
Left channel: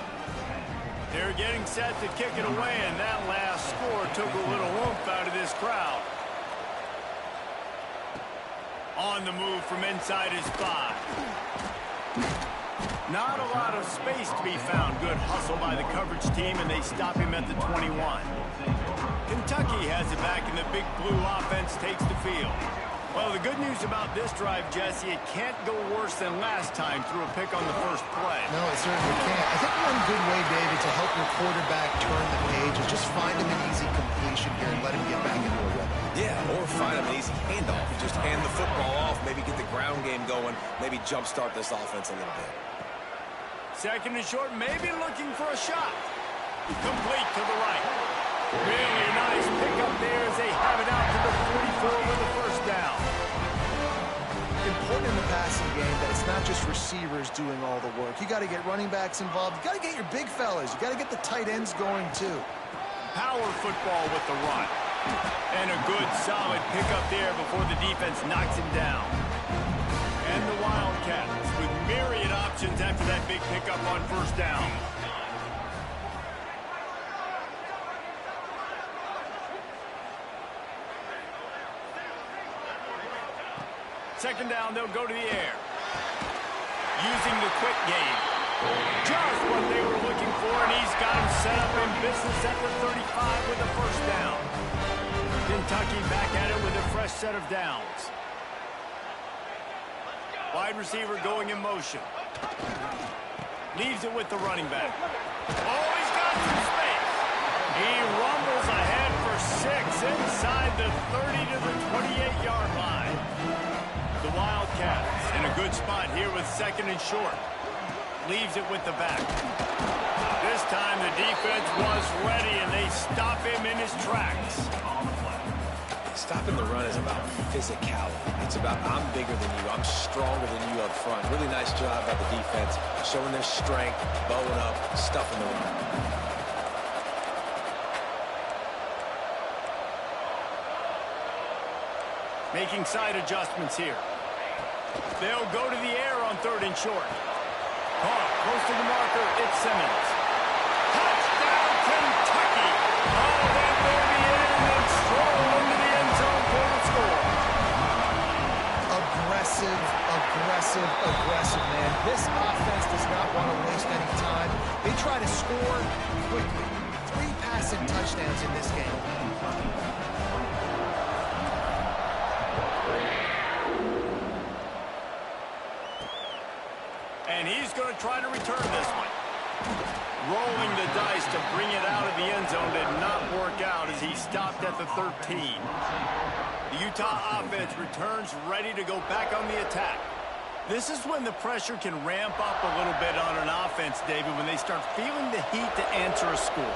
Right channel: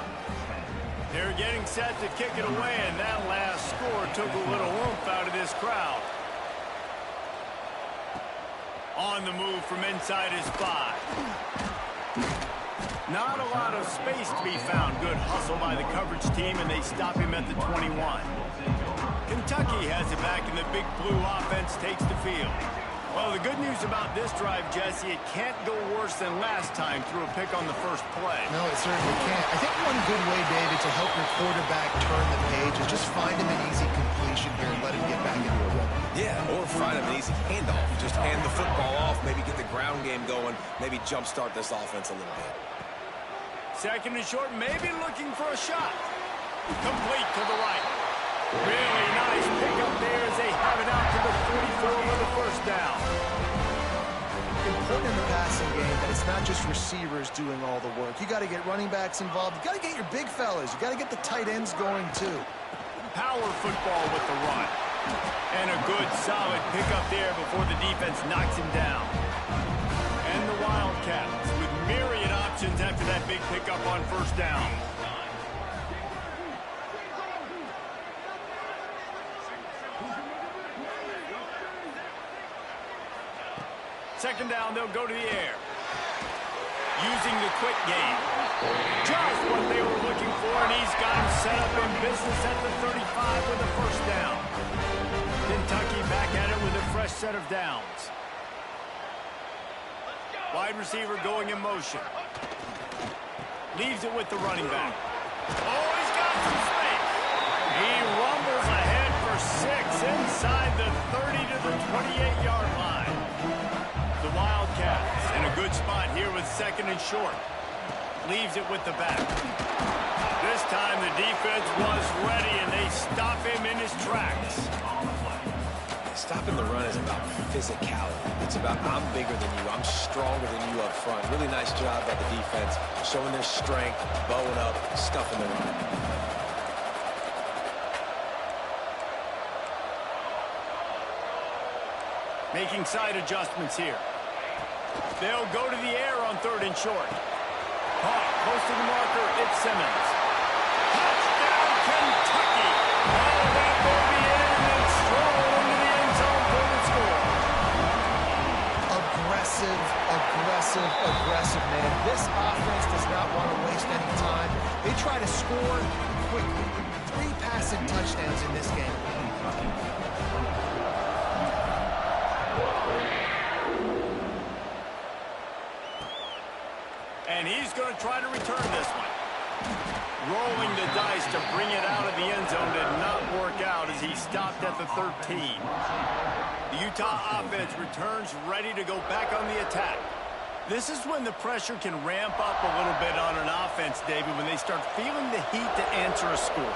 They're getting set to kick it away, and that last score took a little oomph out of this crowd. On the move from inside his 5. Not a lot of space to be found. Good hustle by the coverage team, and they stop him at the 21. Kentucky has it back, and the big blue offense takes the field. Well, the good news about this drive, Jesse, it can't go worse than last time through a pick on the first play. No, it certainly can't. I think one good way, David, to help your quarterback turn the page is just find him an easy completion here and let him get back into a rhythm. Yeah, or find him an easy handoff. Just hand the football off, maybe get the ground game going, maybe jumpstart this offense a little bit. Second and short, maybe looking for a shot. Complete to the right. Really nice pickup there as they have it out to the 44 with the first down. Important in the passing game that it's not just receivers doing all the work. You got to get running backs involved. You got to get your big fellas. You got to get the tight ends going too. Power football with the run. And a good solid pickup there before the defense knocks him down. And the Wildcats with myriad options after that big pickup on first down. Second down, they'll go to the air. Using the quick game. Just what they were looking for, and he's got him set up in business at the 35 with the first down. Kentucky back at it with a fresh set of downs. Wide receiver going in motion. Leaves it with the running back. Oh, he's got some space. He rumbles ahead for 6 inside the 30 to the 28-yard line. The Wildcats in a good spot here with second and short. Leaves it with the back. This time the defense was ready, and they stop him in his tracks. Stopping the run is about physicality. It's about I'm bigger than you. I'm stronger than you up front. Really nice job by the defense, showing their strength, bowing up, stuffing the run. Making side adjustments here. They'll go to the air on third and short. Caught close to the marker. It's Simmons. Touchdown, Kentucky. Oh, that baby in and then stroll into the end zone for the score. Aggressive, man. This offense does not want to waste any time. They try to score quickly. 3 passing touchdowns in this game. And he's going to try to return this one. Rolling the dice to bring it out of the end zone did not work out as he stopped at the 13. The Utah offense returns ready to go back on the attack. This is when the pressure can ramp up a little bit on an offense, David, when they start feeling the heat to answer a score.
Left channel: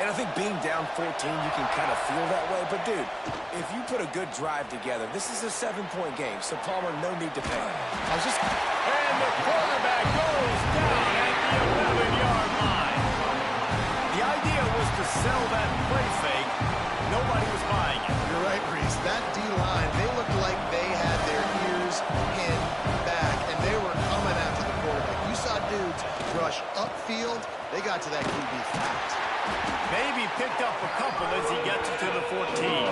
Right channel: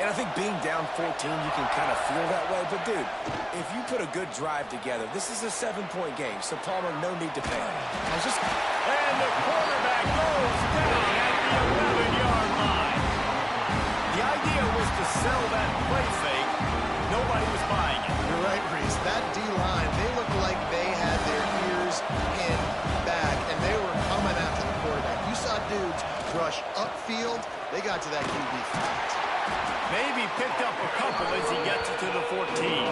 And I think being down 14, you can kind of feel that way. But, dude, if you put a good drive together, this is a 7-point game. So, Palmer, no need to panic. And the quarterback goes down at the 11-yard line. The idea was to sell that play fake. Nobody was buying it. You're right, Reese. That D-line, they looked like they had their ears pinned back, and they were coming after the quarterback. You saw dudes rush upfield. They got to that QB fast. Maybe picked up a couple as he gets it to the 14.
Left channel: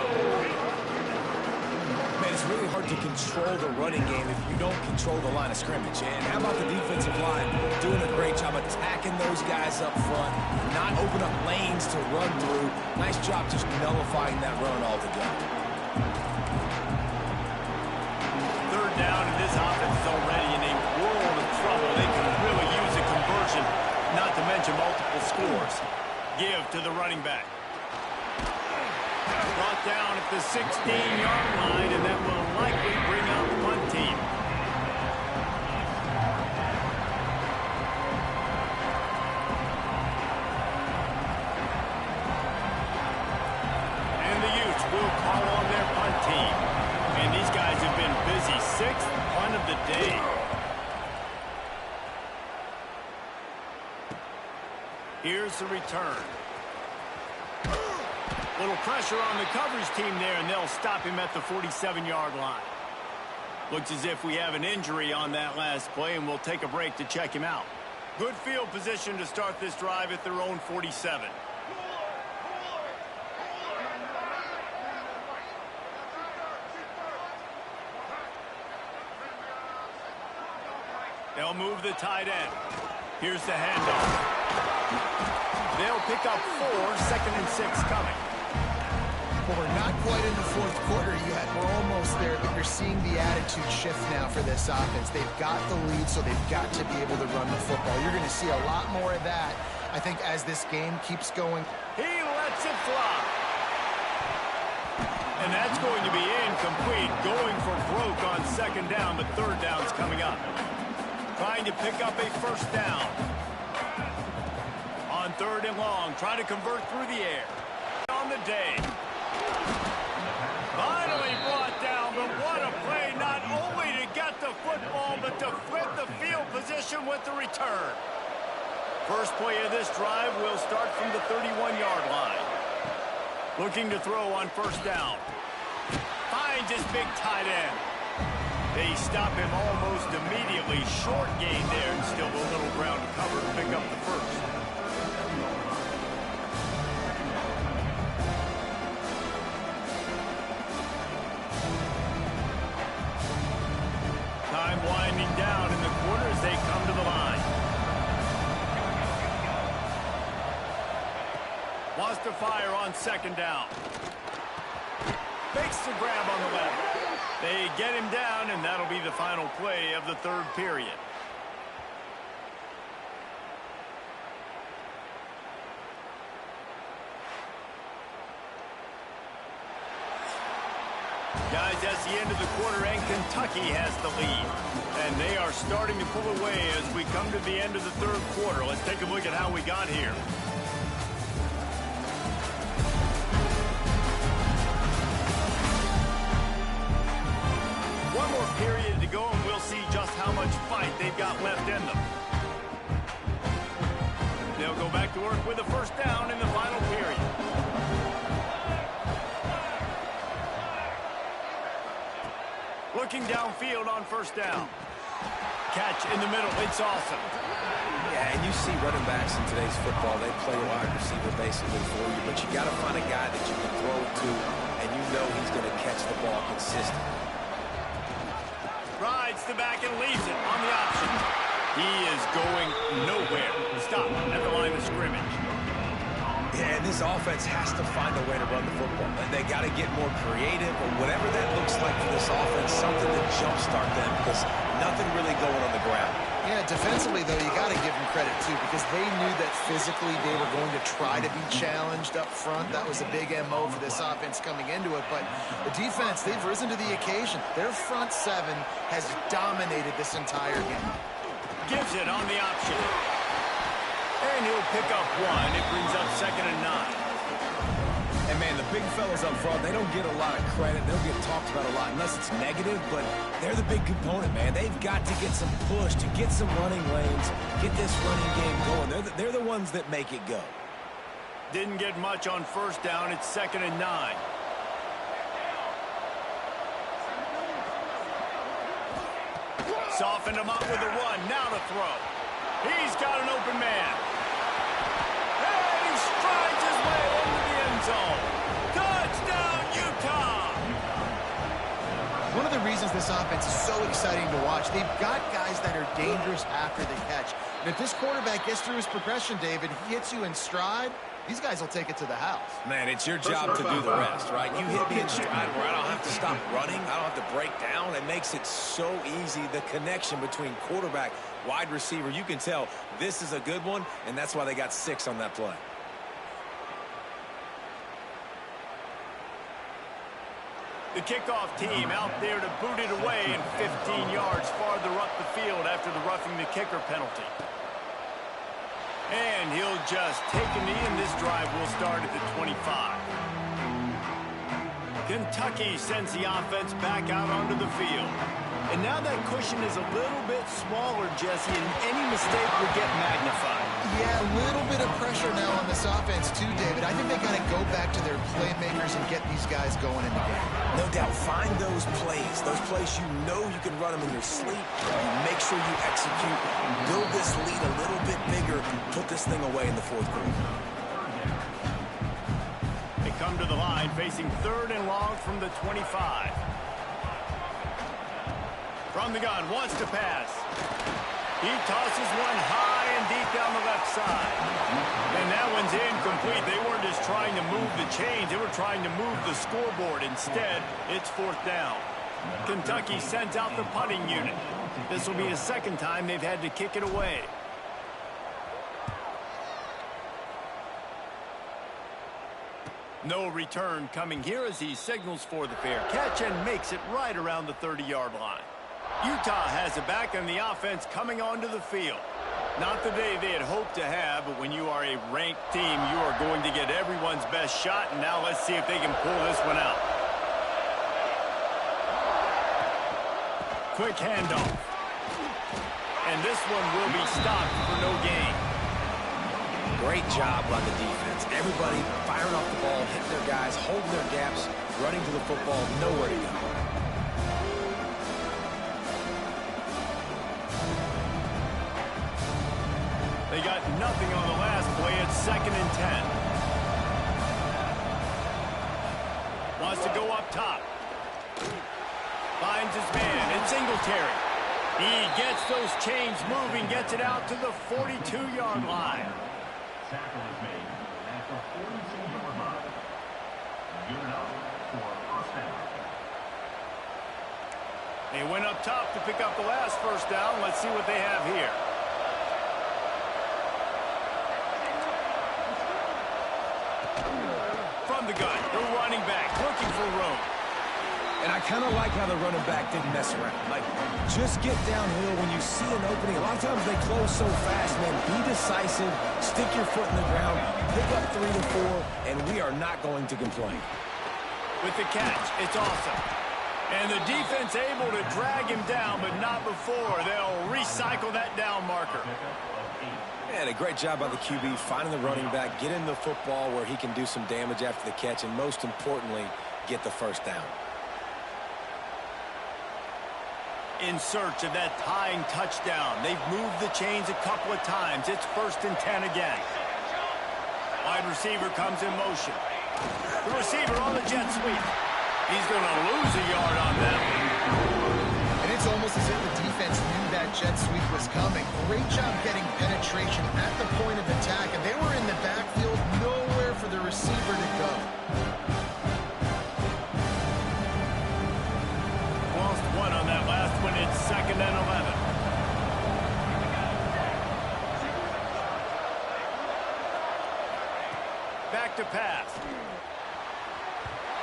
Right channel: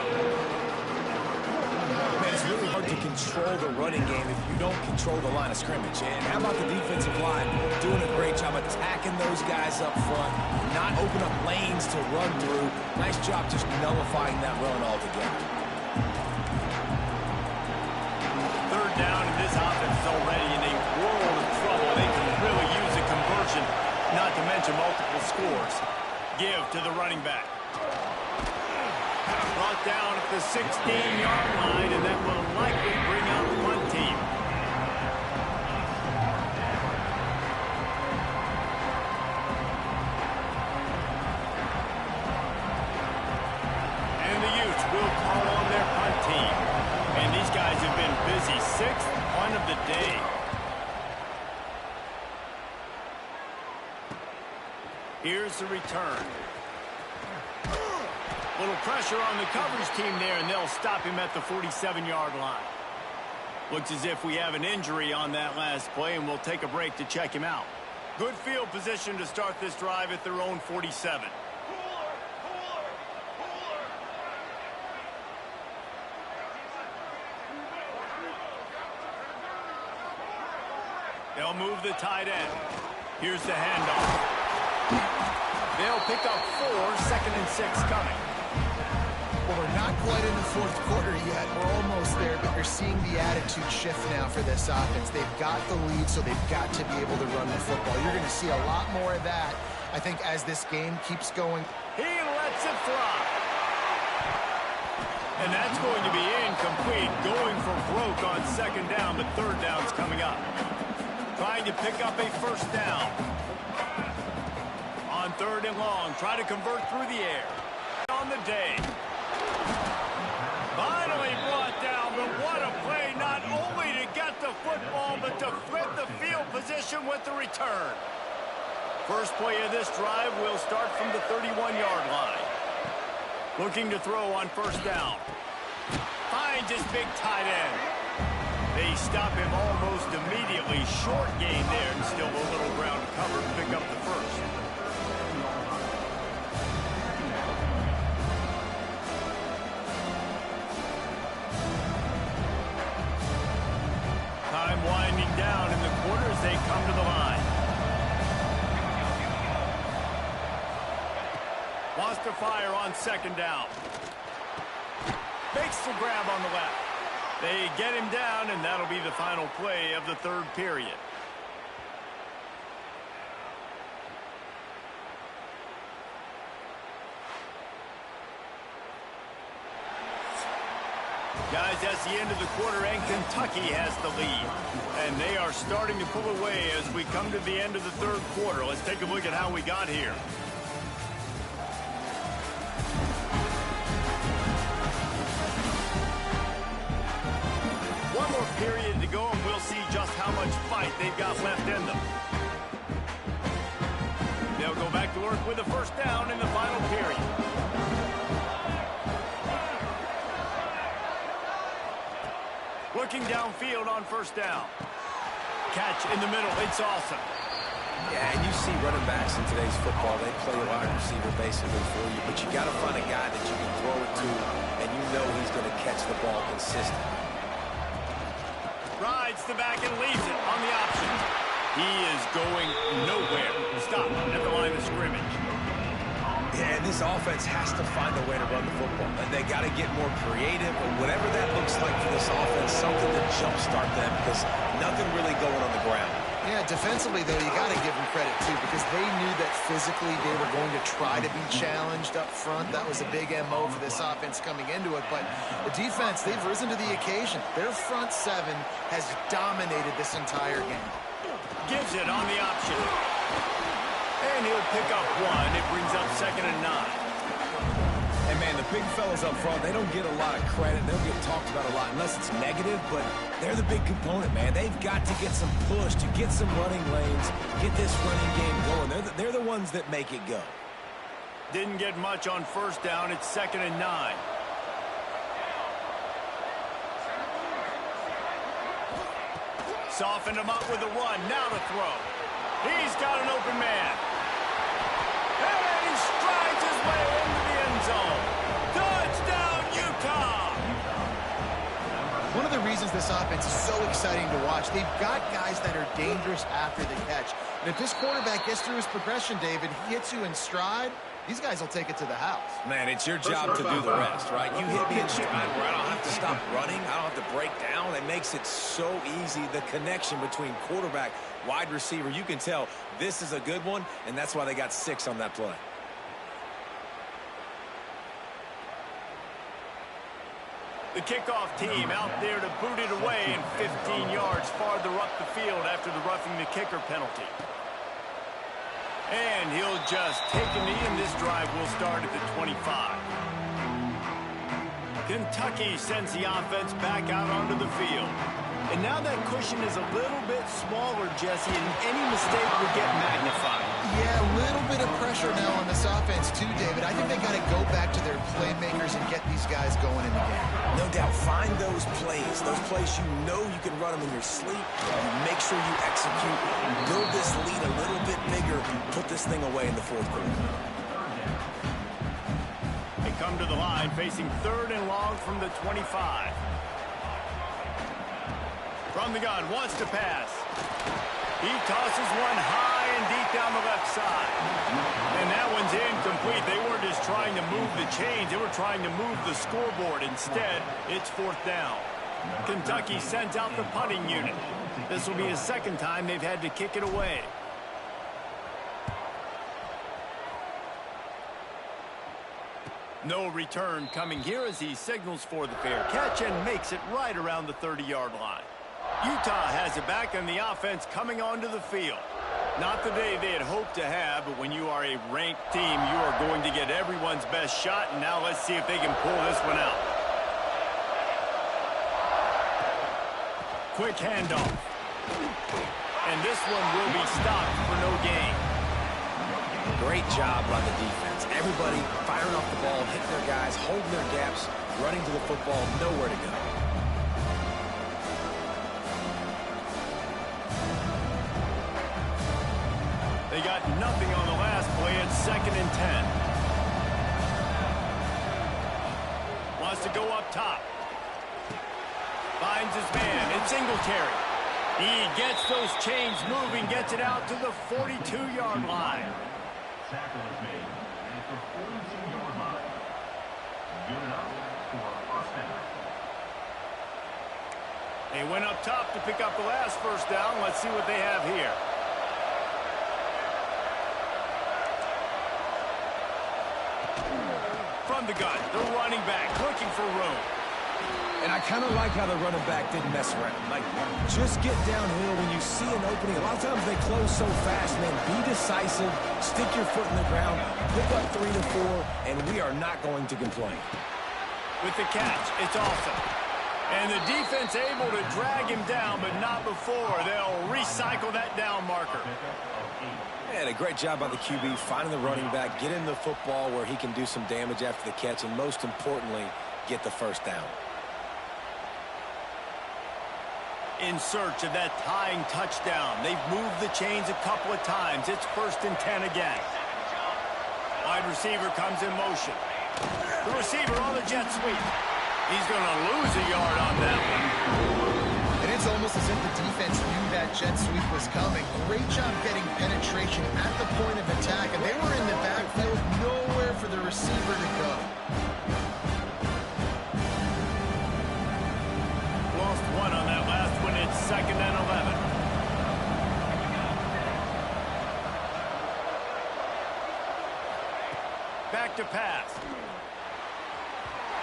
Man, it's really hard to control the running game if you don't control the line of scrimmage. And how about the defensive line doing a great job attacking those guys up front, not open up lanes to run through. Nice job just nullifying that run altogether. Third down, and this offense is already in a world of trouble. They can really use a conversion, not to mention multiple scores. Give to the running back. Brought down at the 16-yard line, and that will likely bring out the punt team. And the Utes will call on their punt team. And these guys have been busy. 6th punt of the day. Here's the return. Little pressure on the coverage team there, and they'll stop him at the 47-yard line. Looks as if we have an injury on that last play, and we'll take a break to check him out. Good field position to start this drive at their own 47. They'll move the tight end. Here's the handoff. They'll pick up 4, 2nd and 6 coming. Well, we're not quite in the fourth quarter yet. We're almost there, but you're seeing the attitude shift now for this offense. They've got the lead, so they've got to be able to run the football. You're going to see a lot more of that, I think, as this game keeps going. He lets it fly. And that's going to be incomplete. Going for broke on 2nd down, but 3rd down's coming up. Trying to pick up a 1st down. On 3rd and long, try to convert through the air. On the day. Finally brought down, but what a play, not only to get the football, but to flip the field position with the return. First play of this drive will start from the 31-yard line. Looking to throw on 1st down. Finds his big tight end. They stop him almost immediately. Short gain there, and still a little ground to cover to pick up the 1st. Time winding down in the quarter as they come to the line. Wants to fire on 2nd down. Makes the grab on the left. They get him down, and that'll be the final play of the 3rd period. Guys, that's the end of the quarter, and Kentucky has the lead. And they are starting to pull away as we come to the end of the 3rd quarter. Let's take a look at how we got here. One more period to go, and we'll see just how much fight they've got left in them. They'll go back to work with a 1st down in the final period. Looking downfield on 1st down. Catch in the middle. It's awesome. Yeah, and you see running backs in today's football, they play a wide receiver basically for you, but you got to find a guy that you can throw it to, and you know he's going to catch the ball consistently. Rides the back and leaves it on the option. He is going nowhere. Stop at the line of scrimmage. Yeah, and this offense has to find a way to run the football. And they got to get more creative, or whatever that looks like for this offense, something to jumpstart them, because nothing really going on the ground. Yeah, defensively, though, you got to give them credit, too, because they knew that physically they were going to try to be challenged up front. That was a big MO for this offense coming into it. But the defense, they've risen to the occasion. Their front 7 has dominated this entire game. Gives it on the option. And he'll pick up 1. It brings up 2nd and 9. And, man, the big fellas up front, they don't get a lot of credit. They don't get talked about a lot unless it's negative, but they're the big component, man. They've got to get some push, to get some running lanes, get this running game going. They're the ones that make it go. Didn't get much on first down. It's 2nd and 9. Softened him up with a run. Now to throw. He's got an open man. And he strides his way into the end zone. Touchdown, Utah! One of the reasons this offense is so exciting to watch, they've got guys that are dangerous after the catch. And if this quarterback gets through his progression, David, he hits you in stride, these guys will take it to the house. Man, it's your job to do the rest, right? You hit me in stride where I don't have to stop running. I don't have to break down. It makes it so easy, the connection between quarterback, wide receiver. You can tell this is a good one, and that's why they got 6 on that play. The kickoff team out there to boot it away and 15 yards farther up the field after the roughing the kicker penalty. And he'll just take a knee, and this drive will start at the 25. Kentucky sends the offense back out onto the field. And now that cushion is a little bit smaller, Jesse, and any mistake would get magnified. Yeah, a little bit of pressure now on this offense too, David. I think they got to go back to their playmakers and get these guys going in the game. No doubt. Find those plays you know you can run them in your sleep. You make sure you execute. Build this lead a little bit bigger. Put this thing away in the 4th quarter. They come to the line facing 3rd and long from the 25. From the gun, wants to pass. He tosses one high and deep down the left side. And that one's incomplete. They weren't just trying to move the chains. They were trying to move the scoreboard. Instead, it's 4th down. Kentucky sends out the punting unit. This will be the 2nd time they've had to kick it away. No return coming here as he signals for the fair catch and makes it right around the 30-yard line. Utah has it back, and the offense coming onto the field. Not the day they had hoped to have, but when you are a ranked team, you are going to get everyone's best shot, and now let's see if they can pull this one out. Quick handoff. And this one will be stopped for no gain. Great job by the defense. Everybody firing off the ball, hitting their guys, holding their gaps, running to the football, nowhere to go. They got nothing on the last play. It's 2nd and 10. Wants to go up top. Finds his man. It's Singletary. He gets those chains moving, gets it out to the 42-yard line. Tackle is made at the 42-yard line. Good enough for 1st down. They went up top to pick up the last 1st down. Let's see what they have here. From the gun, the running back looking for room. And I kind of like how the running back didn't mess around. Like, just get downhill when you see an opening. A lot of times they close so fast, man. Be decisive, stick your foot in the ground, pick up 3 to 4, and we are not going to complain. With the catch, it's awesome. And the defense able to drag him down, but not before. They'll recycle that down marker. And a great job by the QB finding the running back, getting the football where he can do some damage after the catch, and most importantly, get the 1st down. In search of that tying touchdown. They've moved the chains a couple of times. It's 1st and 10 again. Wide receiver comes in motion. The receiver on the jet sweep. He's going to lose a yard on that one. And it's almost as if the defense knew that jet sweep was coming. Great job getting penetration at the point of attack, and they were in the backfield, nowhere for the receiver to go. Lost one on that last one. It's 2nd and 11. Back to pass.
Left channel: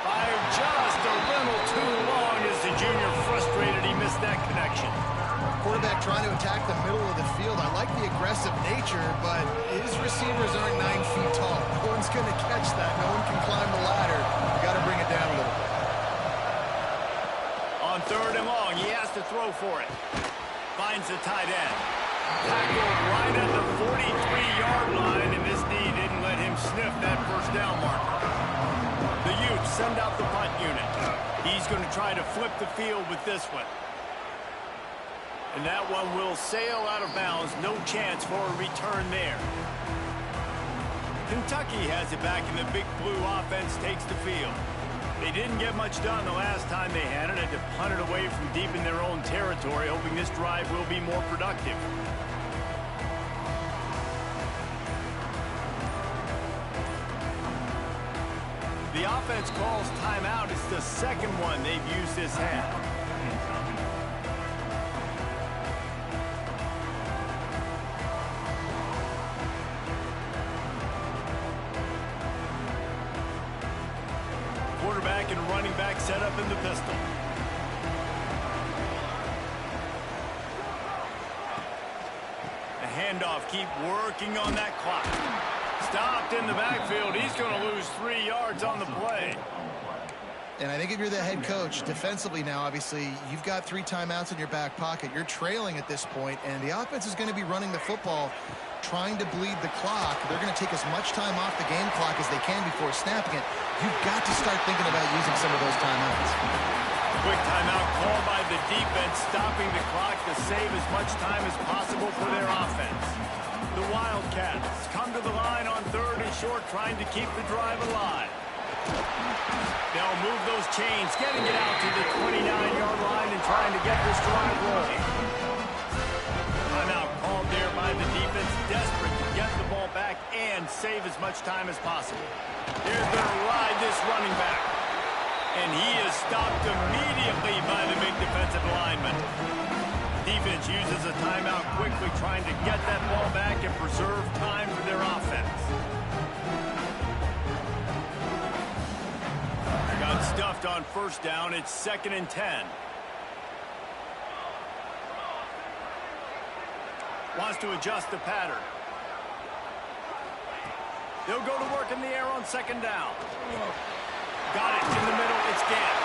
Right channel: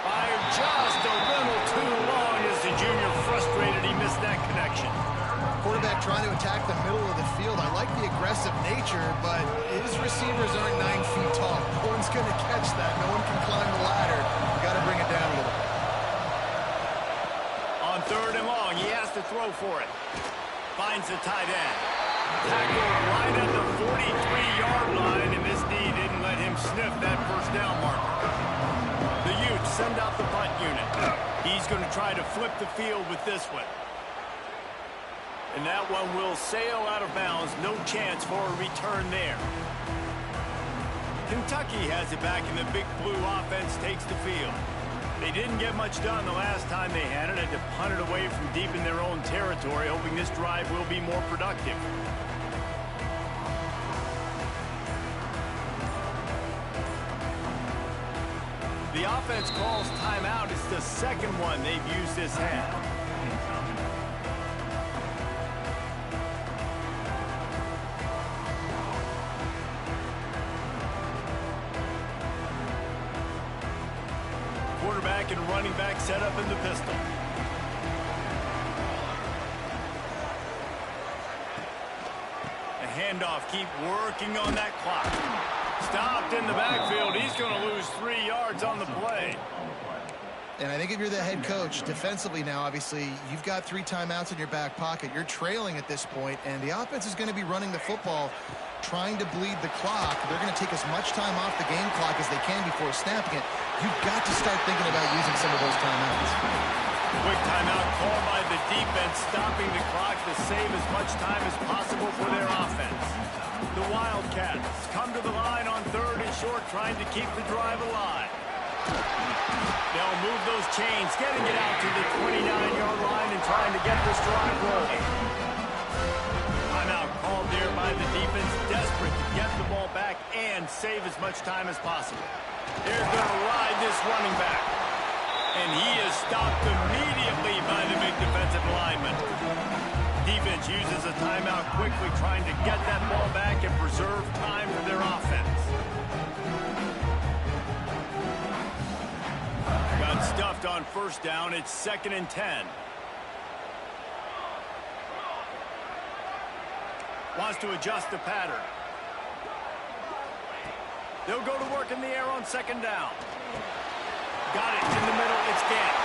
Fired just a little too long as the junior frustrated. He missed that connection. Quarterback trying to attack the middle of the field. I like the aggressive nature, but his receivers aren't 9 feet tall. No one's going to catch that. No one can climb the ladder. You got to bring it down a little bit. On 3rd and long, he has to throw for it. Finds the tight end. Tackled right at the 43-yard line, and this D didn't let him sniff that first down marker. The Utes send out the punt unit. He's going to try to flip the field with this one. And that one will sail out of bounds. No chance for a return there. Kentucky has it back, and the Big Blue offense takes the field. They didn't get much done the last time they had it. Had to punt it away from deep in their own territory, hoping this drive will be more productive. The offense calls timeout. It's the second one they've used this half. Quarterback and running back set up in the pistol. A handoff, keep working on that clock. Stopped in the backfield. He's going to lose 3 yards on the play. And I think if you're the head coach, defensively now, obviously, you've got 3 timeouts in your back pocket. You're trailing at this point, and the offense is going to be running the football, trying to bleed the clock. They're going to take as much time off the game clock as they can before snapping it. You've got to start thinking about using some of those timeouts. Quick timeout called by the defense, stopping the clock to save as much time as possible for their offense. The Wildcats come to the line on 3rd and short, trying to keep the drive alive. They'll move those chains, getting it out to the 29-yard line and trying to get this drive rolling. Timeout called there by the defense, desperate to get the ball back and save as much time as possible. They're going to ride this running back. And he is stopped immediately by the big defensive lineman. Defense uses a timeout quickly, trying to get that ball back and preserve time for their offense. Got stuffed on 1st down. It's 2nd and 10. Wants to adjust the pattern. They'll go to work in the air on 2nd down. Got it in the middle. It's Gant.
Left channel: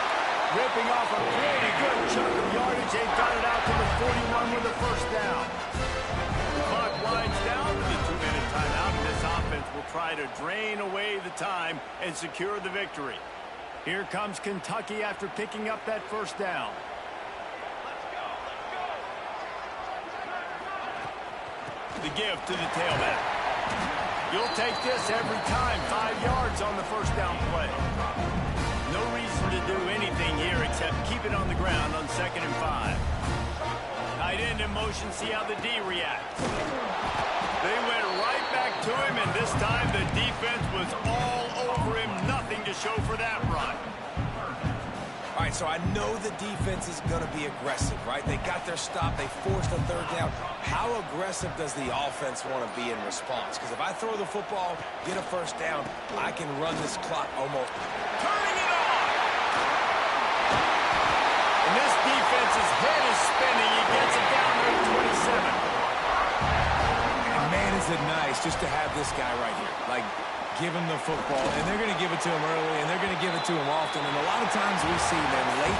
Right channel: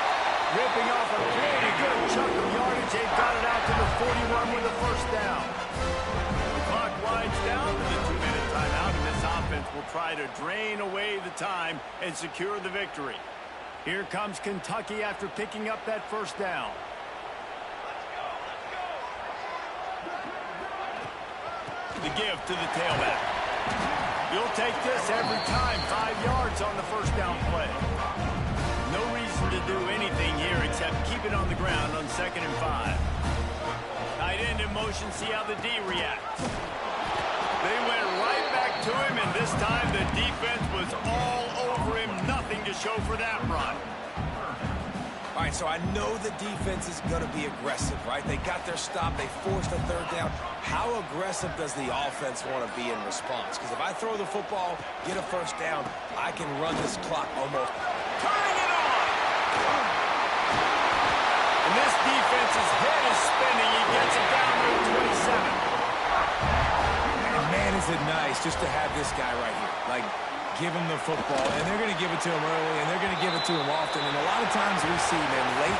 Ripping off a pretty good chunk of yardage. They've got it out to the 41 with a 1st down. The clock winds down to the 2-minute timeout, and this offense will try to drain away the time and secure the victory. Here comes Kentucky after picking up that 1st down. The give to the tailback. You'll take this every time. 5 yards on the 1st down play. No reason to do anything here except keep it on the ground on 2nd and 5. Tight end in motion, see how the D reacts. They went right back to him, and this time the defense was all over him. Nothing to show for that run. All right, so I know the defense is going to be aggressive, right? They got their stop. They forced a 3rd down. How aggressive does the offense want to be in response? Because if I throw the football, get a 1st down, I can run this clock almost. Turning it on! And this defense's head is spinning. He gets it down to 27. And man, is it nice just to have this guy right here. Like, give him the football, and they're going to give it to him early, and they're going to give it to him often. And a lot of times we see, man, late in the